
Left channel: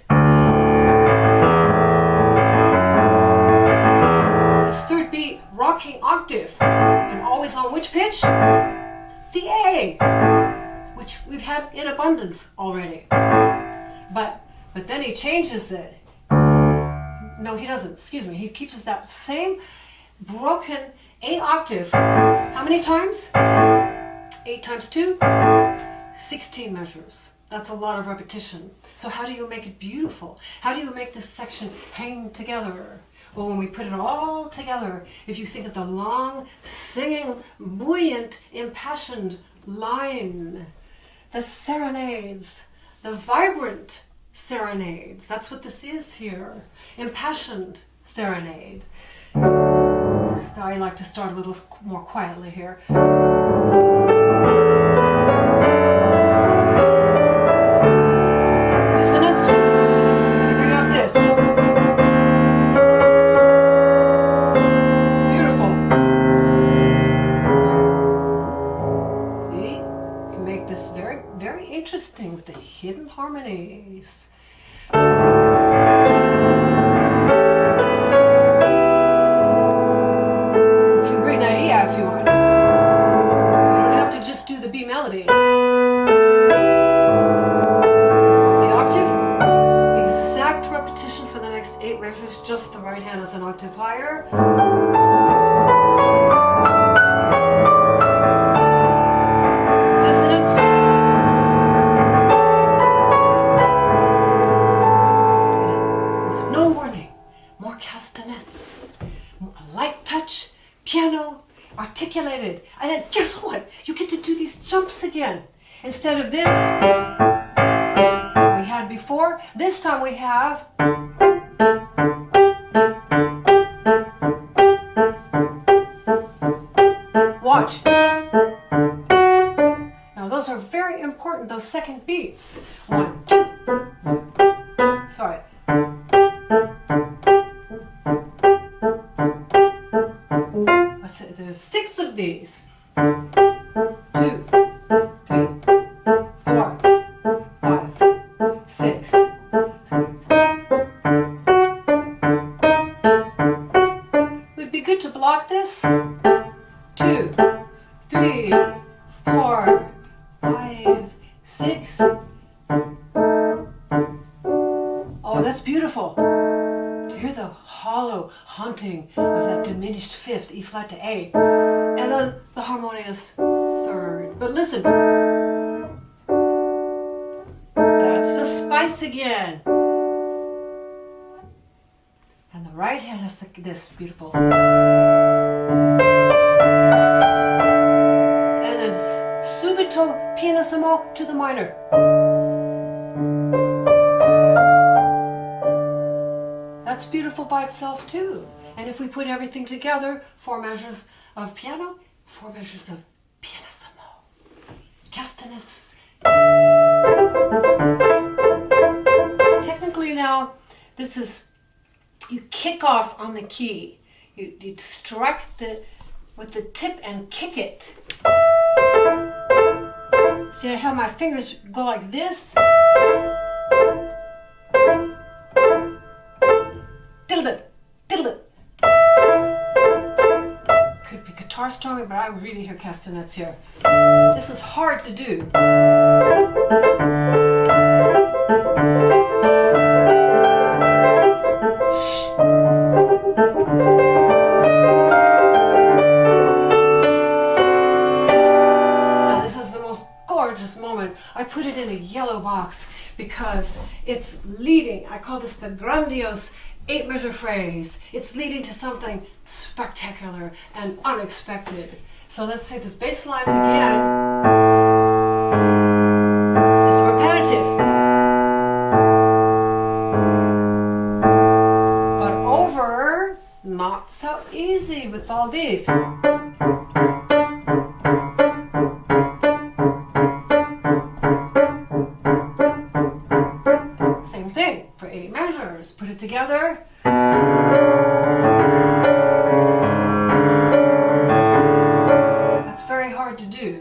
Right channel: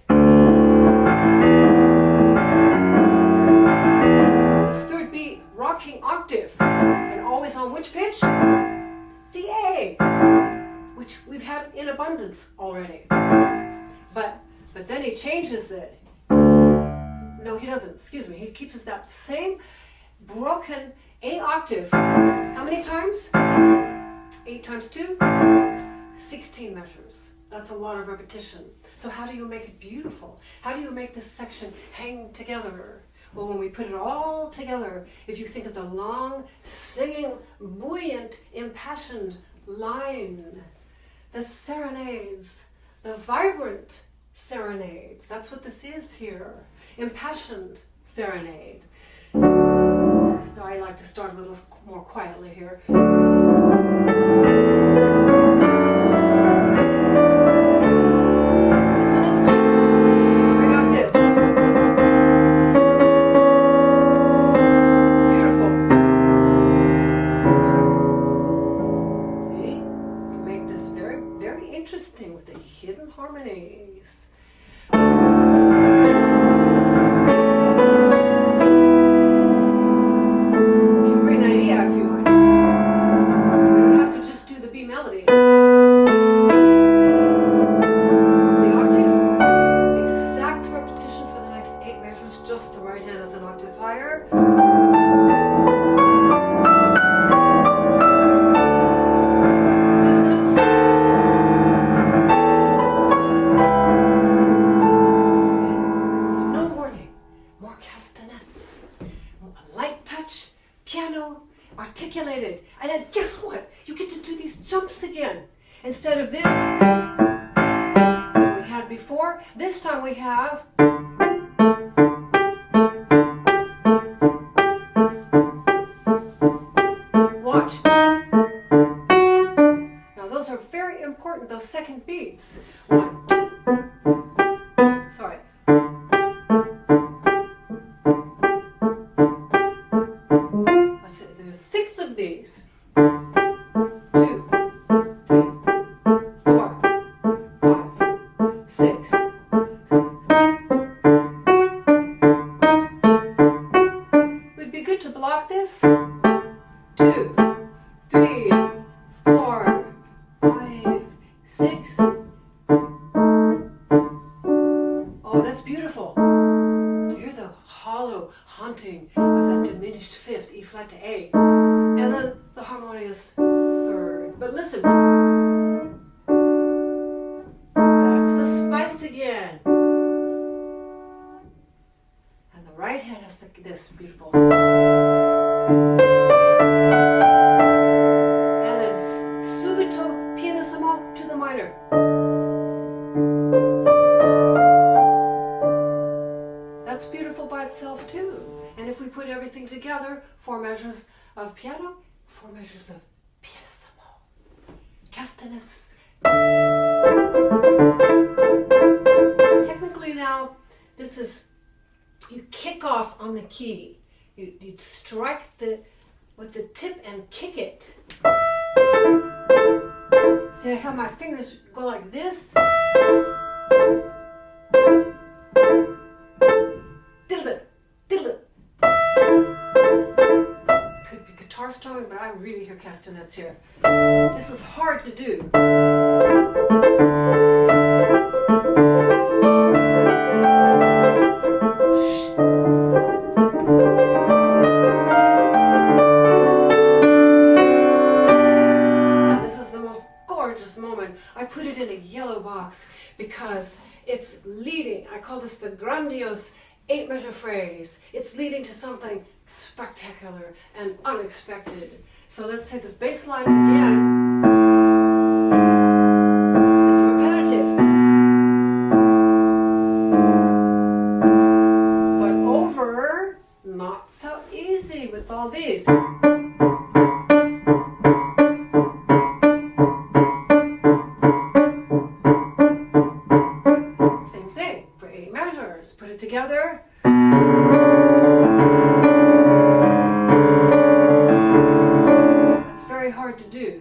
this third beat, rocking octave, and always on which pitch? The A, which we've had in abundance already. But then he changes it. No, he doesn't. Excuse me. He keeps that same broken A octave. How many times? 8 times 2? 16 measures. That's a lot of repetition. So how do you make it beautiful? How do you make this section hang together? Well, when we put it all together, if you think of the long, singing, buoyant, impassioned line, the serenades, the vibrant serenades, that's what this is here. Impassioned serenade. So I like to start a little more quietly here. Dissonance. Bring out this. Beautiful. See? You can make this very, very interesting with the hidden harmonies. Melody. The octave, exact repetition for the next 8 measures, just the right hand is an octave higher. Dissonance. With no warning, more castanets, a light touch, piano, articulated, and then guess what? You get to do these jumps again. Instead of this we had before, this time we have watch. Now those are very important, those second beats. 1, 2. Sorry. There's 6 of these. 2, 3, 4, 5, 6. Would be good to block this. 2, 3, 4, 5, 6. Oh, that's beautiful. To hear the hollow haunting of that diminished 5th, E flat to A, and then the harmonious 3rd. But listen, that's the spice again. And the right hand has this beautiful. And then subito pianissimo to the minor. That's beautiful by itself too. And if we put everything together, 4 measures of piano, 4 measures of pianissimo, castanets. Technically now, this is, you kick off on the key. You strike with the tip and kick it. See, I have my fingers go like this. Diddle it, diddle it. Could I really hear castanets here. This is hard to do. Now this is the most gorgeous moment. I put it in a yellow box because it's leading. I call this the grandiose 8-measure phrase. It's leading to something spectacular and unexpected. So let's take this bass line again. It's repetitive. But over, not so easy with all these. Same thing for 8 measures. Put it together. That's very hard to do.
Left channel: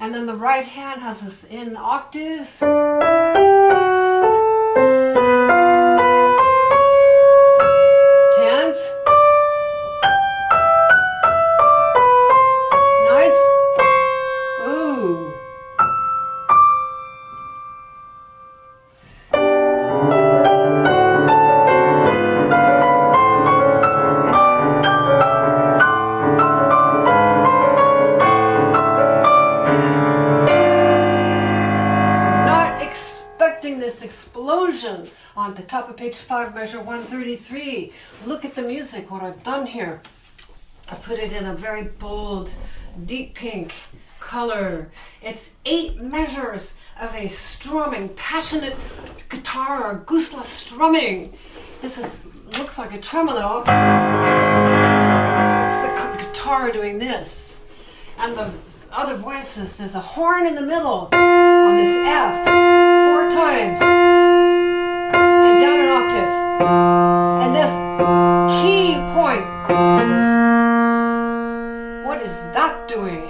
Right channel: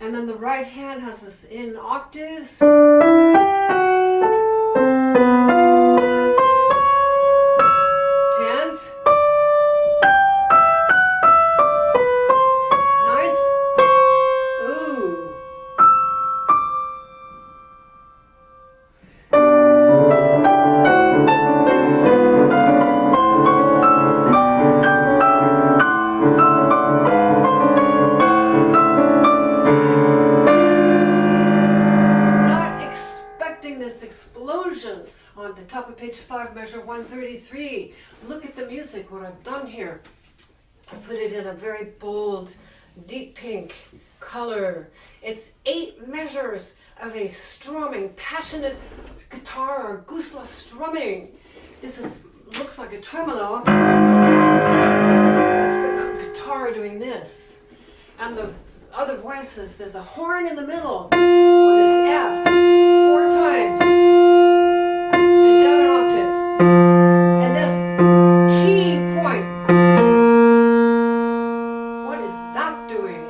And then the right hand has this in octaves. Tenth. Ninth. Ooh. This explosion on the top of page 5, measure 133. Look at the music, what I've done here. I've put it in a very bold, deep pink color. It's 8 measures of a strumming, passionate guitar, gusla strumming. This looks like a tremolo. It's the guitar doing this. And the other voices, there's a horn in the middle on this F. 4 times and down an octave, and this key point, what is that doing?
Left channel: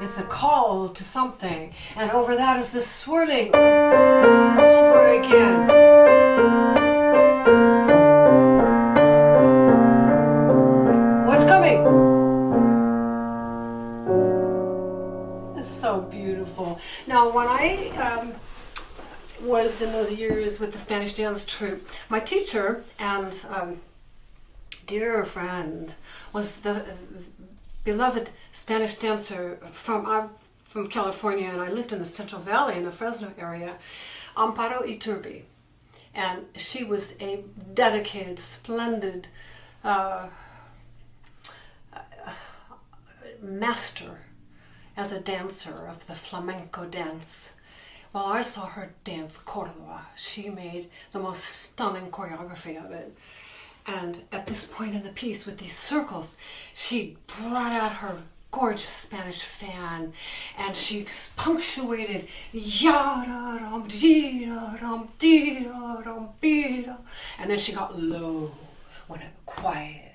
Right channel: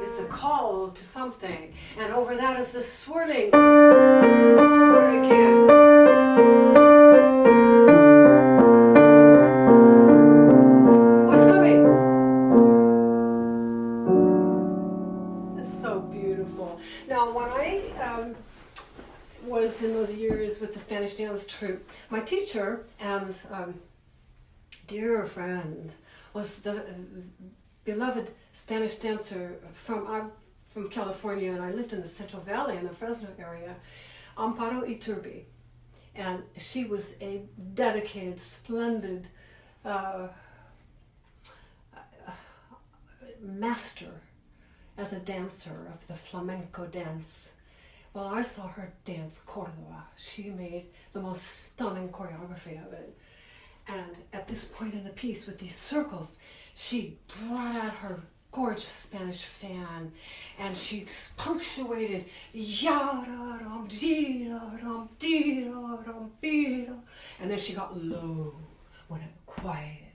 It's a call to something, and over that is this swirling over again. What's coming? It's so beautiful. Now when I was in those years with the Spanish dance troupe, my teacher and dear friend was the beloved Spanish dancer from California, and I lived in the Central Valley in the Fresno area, Amparo Iturbi. And she was a dedicated, splendid master as a dancer of the flamenco dance. Well, I saw her dance Cordoba. She made the most stunning choreography of it. And at this point in the piece, with these circles, she brought out her gorgeous Spanish fan, and she punctuated ya-da-dum, dee-da-dum, dee-da-dum, dee-da. And then she got low, went quiet.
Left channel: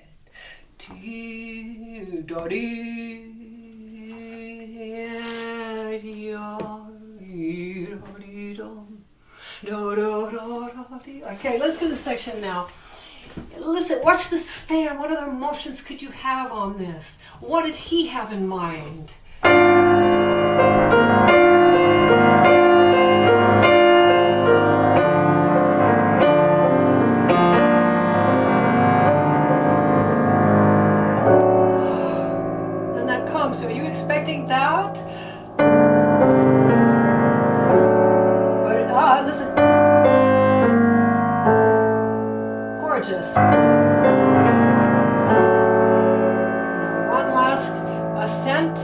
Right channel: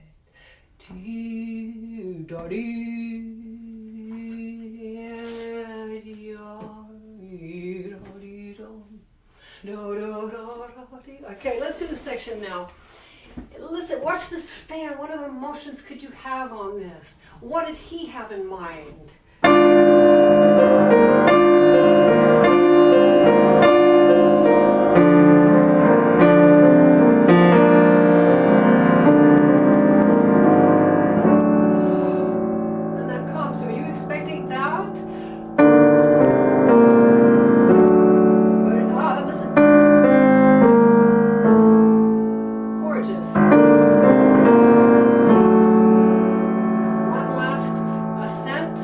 Okay, let's do this section now. Listen, watch this fan. What other emotions could you have on this? What did he have in mind? And that comes. So are you expecting that? Listen. Gorgeous. One last ascent.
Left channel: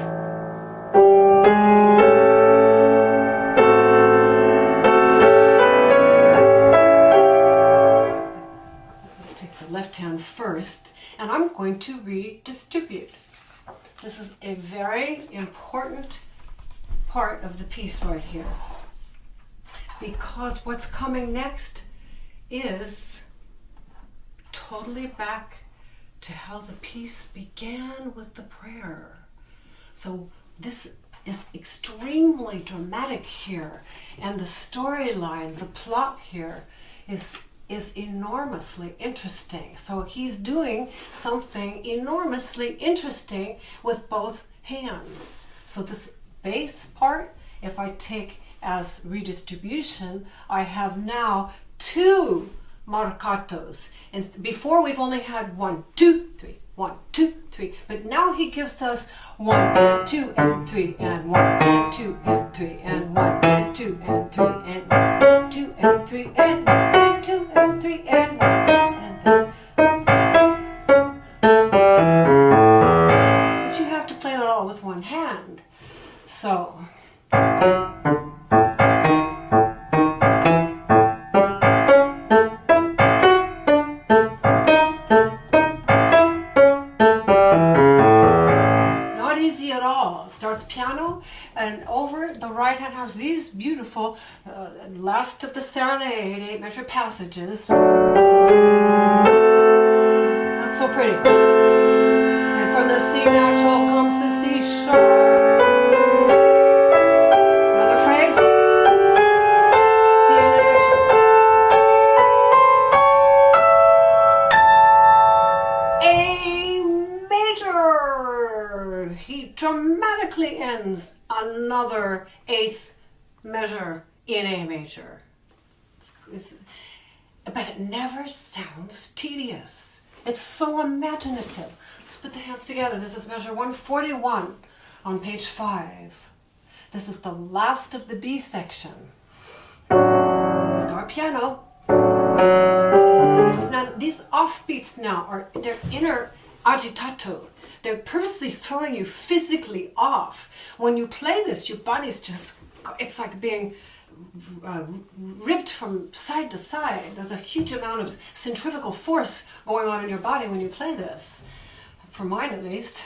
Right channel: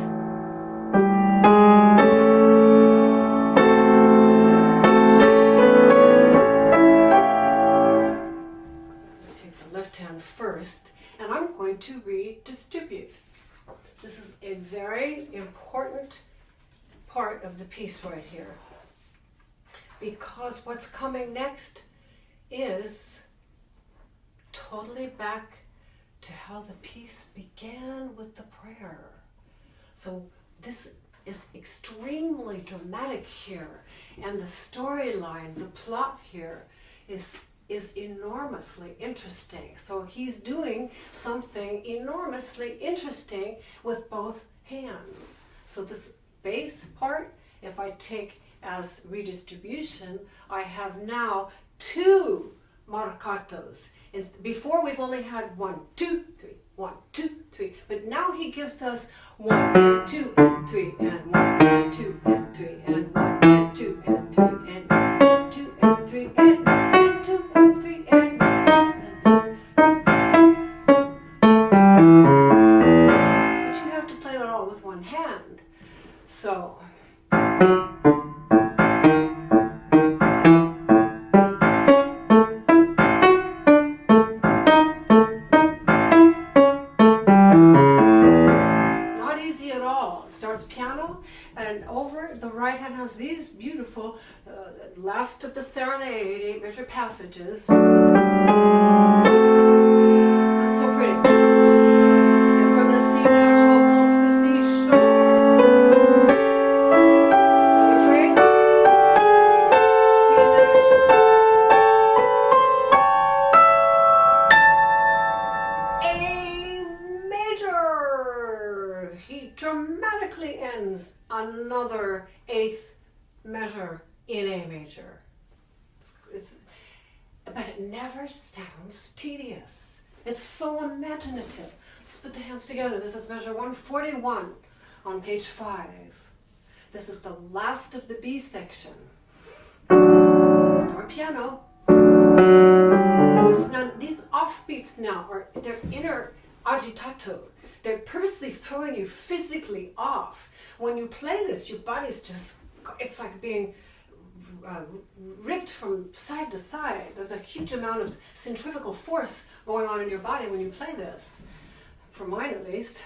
Take the left hand first, and I'm going to redistribute. This is a very important part of the piece right here, because what's coming next is totally back to how the piece began with the prayer. So this is extremely dramatic here, and the storyline, the plot here is enormously interesting. So he's doing something enormously interesting with both hands. So this bass part, if I take as redistribution, I have now 2 marcatos. And before we've only had 1, 2, 3, 1, 2, 3. But now he gives us 1 and 2 and 3 and 1 and 2 and 3 and 1 and 2 and 3 and 2 and 3 and 1 and 2 and 3 and 1 and 3. But you have to play that all with one hand. So piano, and over the right hand has these beautiful last of the serenade 8-measure passages. That's so pretty. And from the C natural comes the C sharp. Another phrase. C natural. A major. He dramatically ends another 8th measure in A major. But it never sounds tedious. It's so imaginative. Let's put the hands together. This is measure 141 on page 5. This is the last of the B section. Start piano. Now these offbeats now they're inner agitato. They're purposely throwing you physically off. When you play this, your body's just, it's like being ripped from side to side. There's a huge amount of centrifugal force going on in your body when you play this. For mine at least.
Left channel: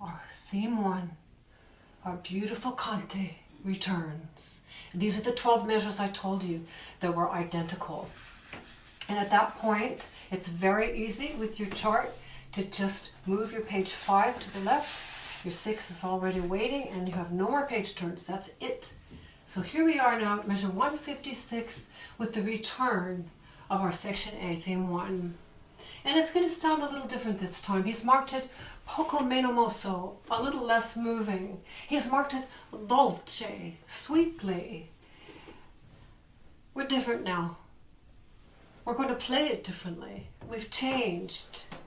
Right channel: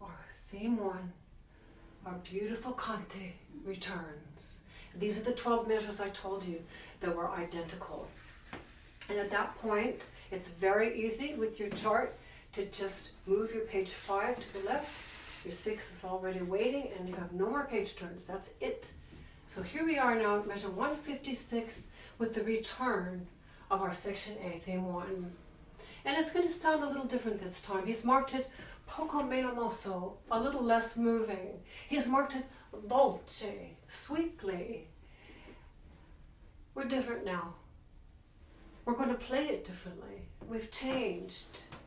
Our theme 1, our beautiful Conte returns. These are the 12 measures I told you that were identical. And at that point, it's very easy with your chart to just move your page 5 to the left. Your 6 is already waiting and you have no more page turns. That's it. So here we are now at measure 156 with the return of our section A, theme 1. And it's going to sound a little different this time. He's marked it poco meno mosso, a little less moving. He's marked it dolce, sweetly. We're different now. We're going to play it differently. We've changed.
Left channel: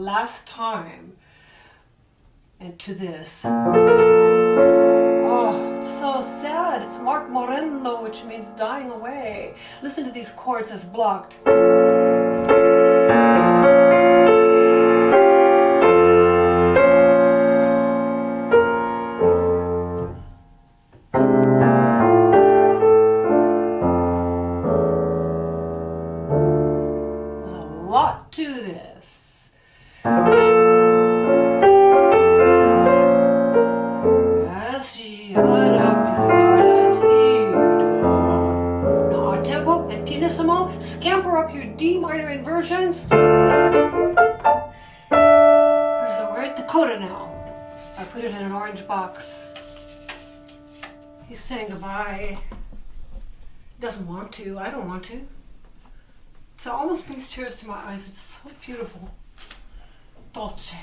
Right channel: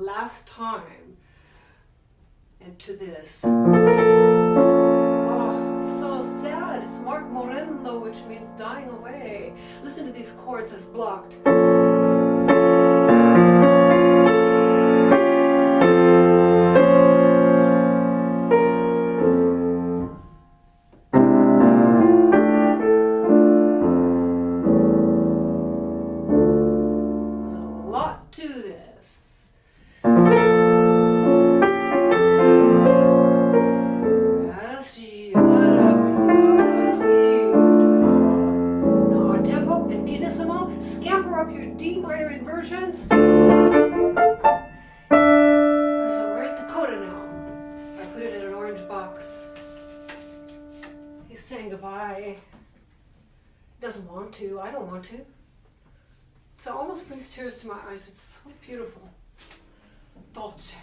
Last time into this. Oh, it's so sad. It's Mark Morendo, which means dying away. Listen to these chords as blocked. There's a lot to this. Now tempo and pianissimo, scamper up your D minor inversions. We're at the coda now. I put it in an orange box. He's saying goodbye. He doesn't want to. I don't want to. So it almost brings tears to my eyes. It's so beautiful. Dolce.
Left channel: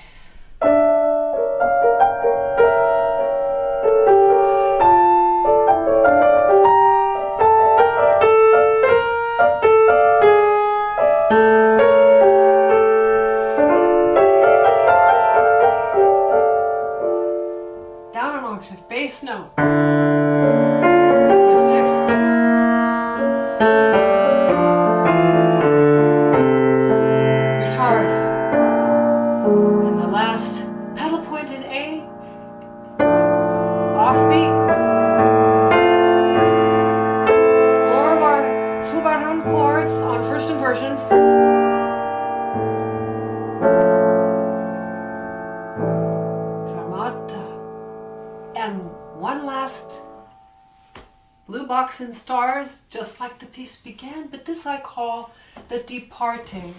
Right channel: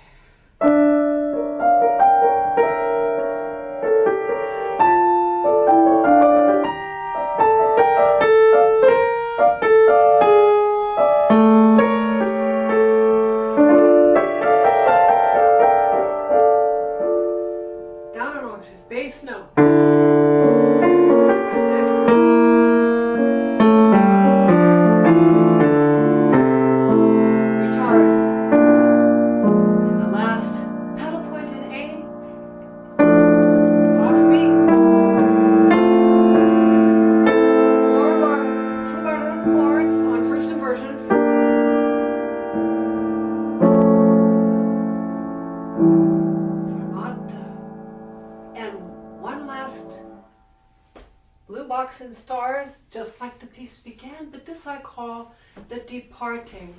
blue box and stars, just like the piece began, but this I call the departing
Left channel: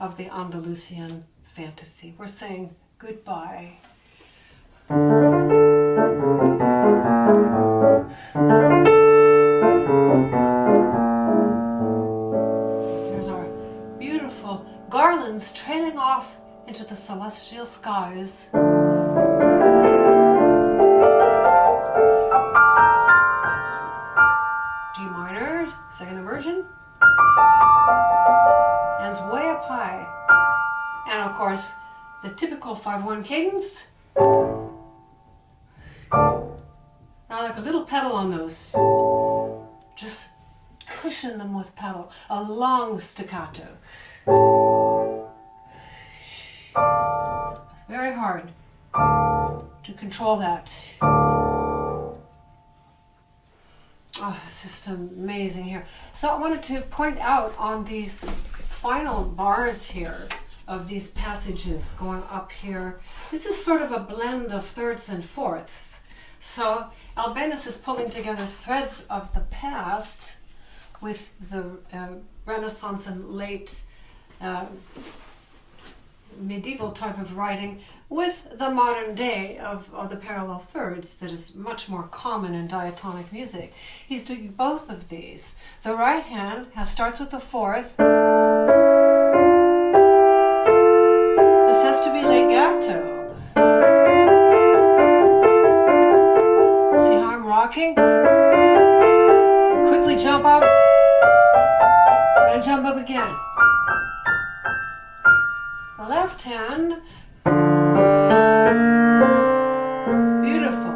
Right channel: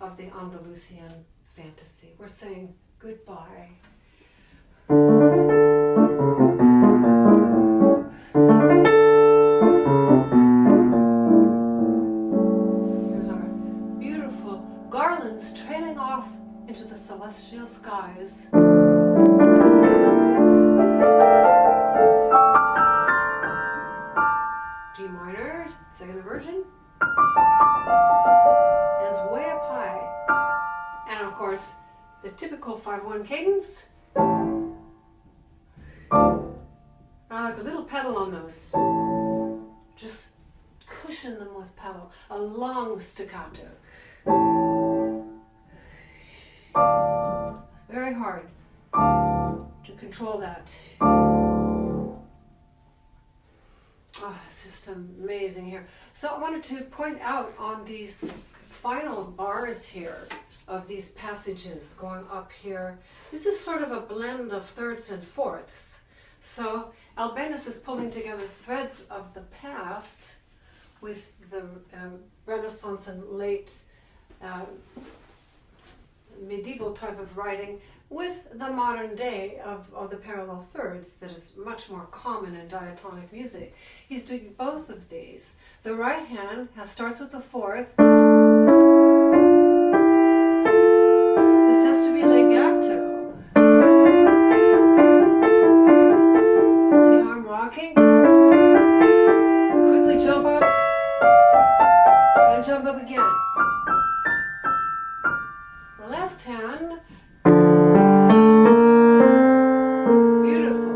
of the Andalusian fantasy. We're saying goodbye. There's our beautiful garlands trailing off into the celestial skies. G minor, second inversion, and it's way up high. And of course, the typical 5/1 cadence. I like a little pedal on those. Just cushion them with pedal. A long staccato. Very hard to control that. Oh, it's just amazing here. So I wanted to point out on these final bars here of these passages going up here, this is sort of a blend of thirds and fourths. So Albéniz is pulling together threads of the past with the Renaissance and late medieval type of writing with the modern day of the parallel thirds that is much more common in diatonic music. He's doing both of these. The right hand starts with the fourth. This has to be legato. See how I'm rocking? Quickly jump up and jump up again. The left hand, beautiful.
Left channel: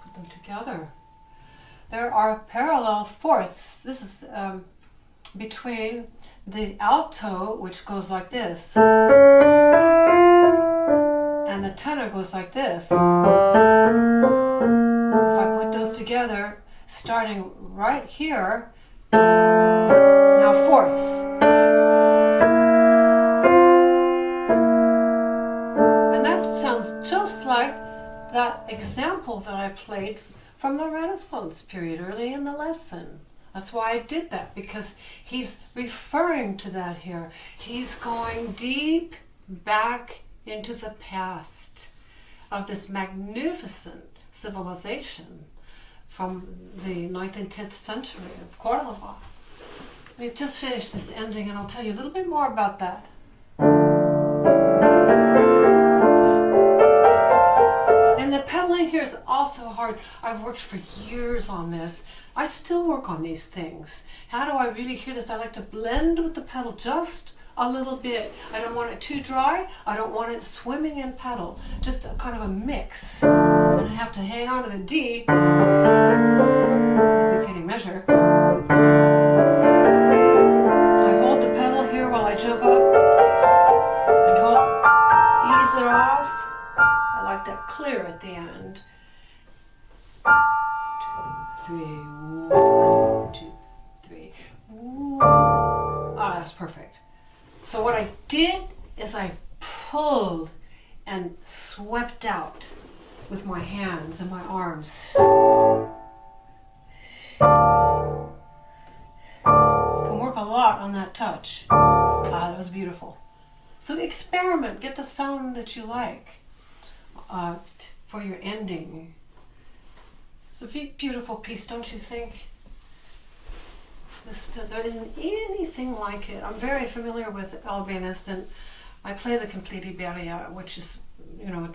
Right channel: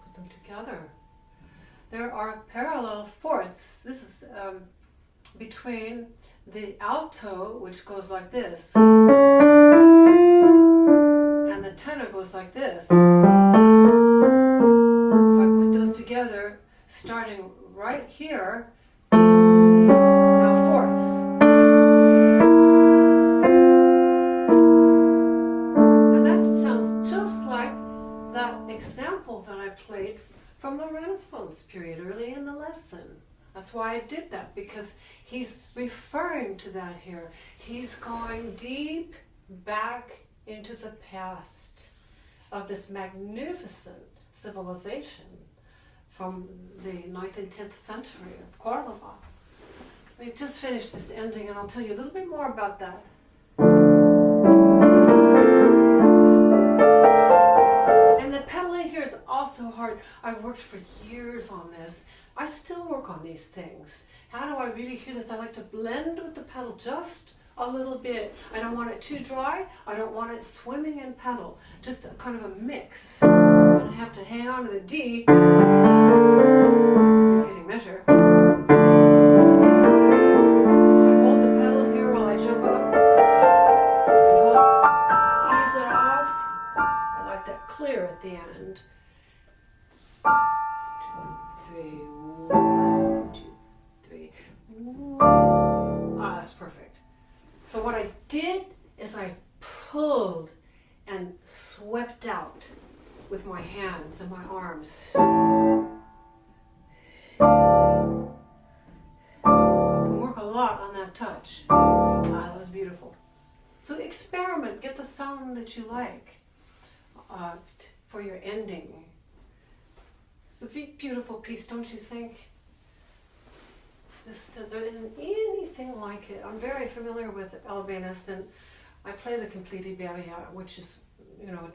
Put them together. There are parallel fourths. This is between the alto, which goes like this, and the tenor goes like this. If I put those together, starting right here, now fourths. And that sounds just like that example that I played from the Renaissance period early in the lesson. That's why I did that, because he's referring to that here. He's going deep back into the past of this magnificent civilization from the 9th and 10th century of Cordoba. We've just finished this ending, and I'll tell you a little bit more about that. And the pedaling here is also hard. I've worked for years on this. I still work on these things. How do I really hear this? I like to blend with the pedal just a little bit. I don't want it too dry. I don't want it swimming in pedal. Just a kind of a mix. And I have to hang on to the D. You're getting measure. I hold the pedal here while I jump up. I don't ease it off. I like that clear at the end. 2, 3, 1, 2, 3. Ah, that's perfect. So what I did is I pulled and swept out with my hands and my arms. You can work a lot on that touch. Ah, that was beautiful. So experiment, get the sound that you like for your ending. It's a beautiful piece, don't you think? There isn't anything like it. I'm very familiar with Albéniz, and I play the Complete Iberia, which is,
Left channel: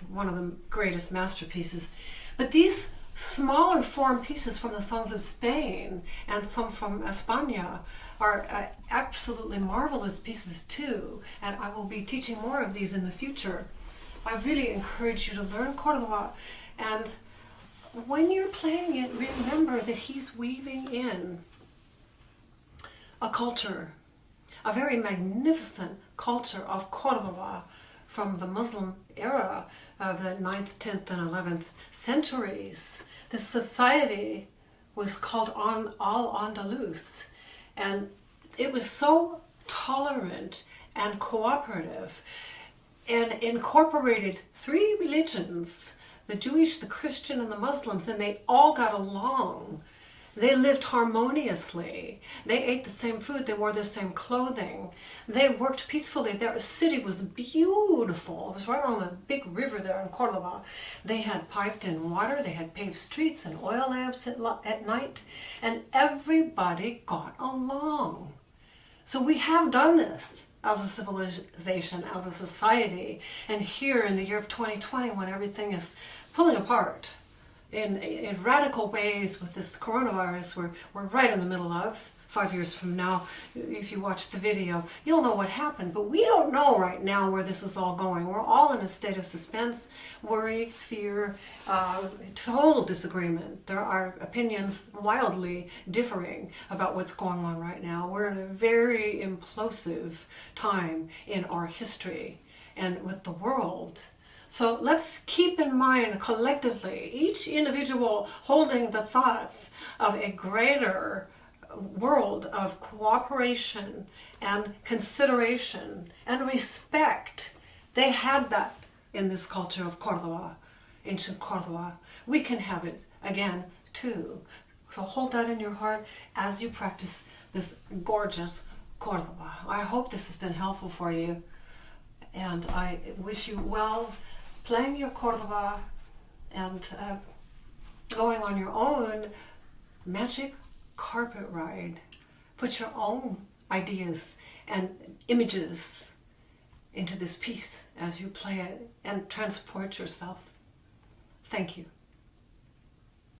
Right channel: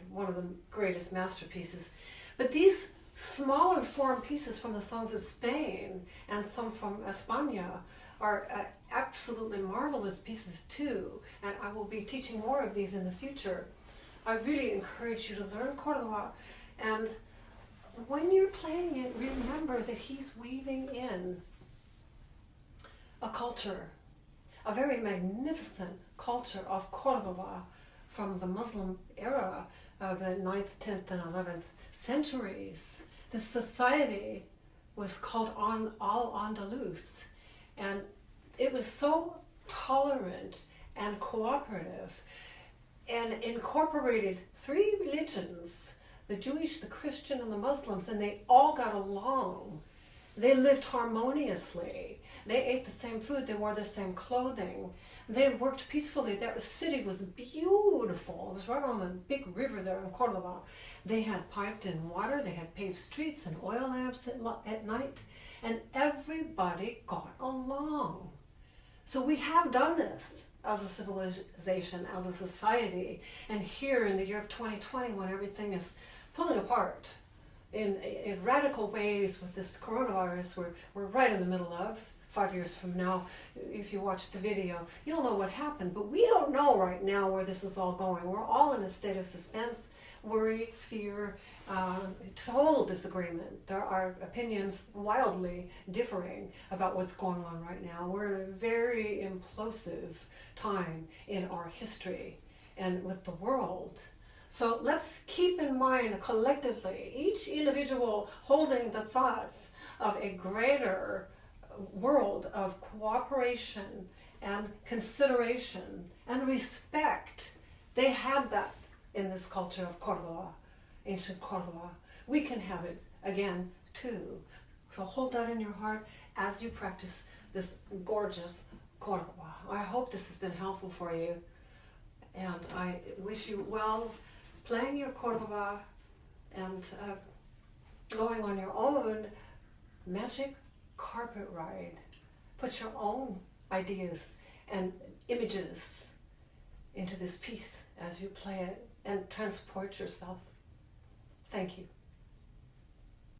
one of the greatest masterpieces. But these smaller form pieces from the songs of Spain and some from España are absolutely marvelous pieces too. And I will be teaching more of these in the future. I really encourage you to learn Cordoba, and when you're playing it, remember that he's weaving in a culture, a very magnificent culture of Cordoba from the Muslim era of the 9th, 10th, and 11th centuries. This society was called Al-Andalus, and it was so tolerant and cooperative. and incorporated three religions, the Jewish, the Christian, and the Muslims, and they all got along. They lived harmoniously. They ate the same food. They wore the same clothing. They worked peacefully. Their city was beautiful. It was right on a big river there in Cordoba. They had piped in water. They had paved streets and oil lamps at night. And everybody got along. So we have done this as a civilization, as a society. And here in the year of 2020, when everything is pulling apart, in radical ways with this coronavirus we're right in the middle of. 5 years from now, if you watch the video, you'll know what happened. But we don't know right now where this is all going. We're all in a state of suspense, worry, fear, total disagreement. There are opinions wildly differing about what's going on right now. We're in a very implosive time in our history and with the world. So let's keep in mind collectively, each individual holding the thoughts of a greater world of cooperation and consideration and respect. They had that in this culture of Cordoba, ancient Cordoba. We can have it again too. So hold that in your heart as you practice this gorgeous Cordoba. I hope this has been helpful for you, and I wish you well playing your Cordoba and going on your own magic carpet ride. Put your own ideas and images into this piece as you play it and transport yourself. Thank you.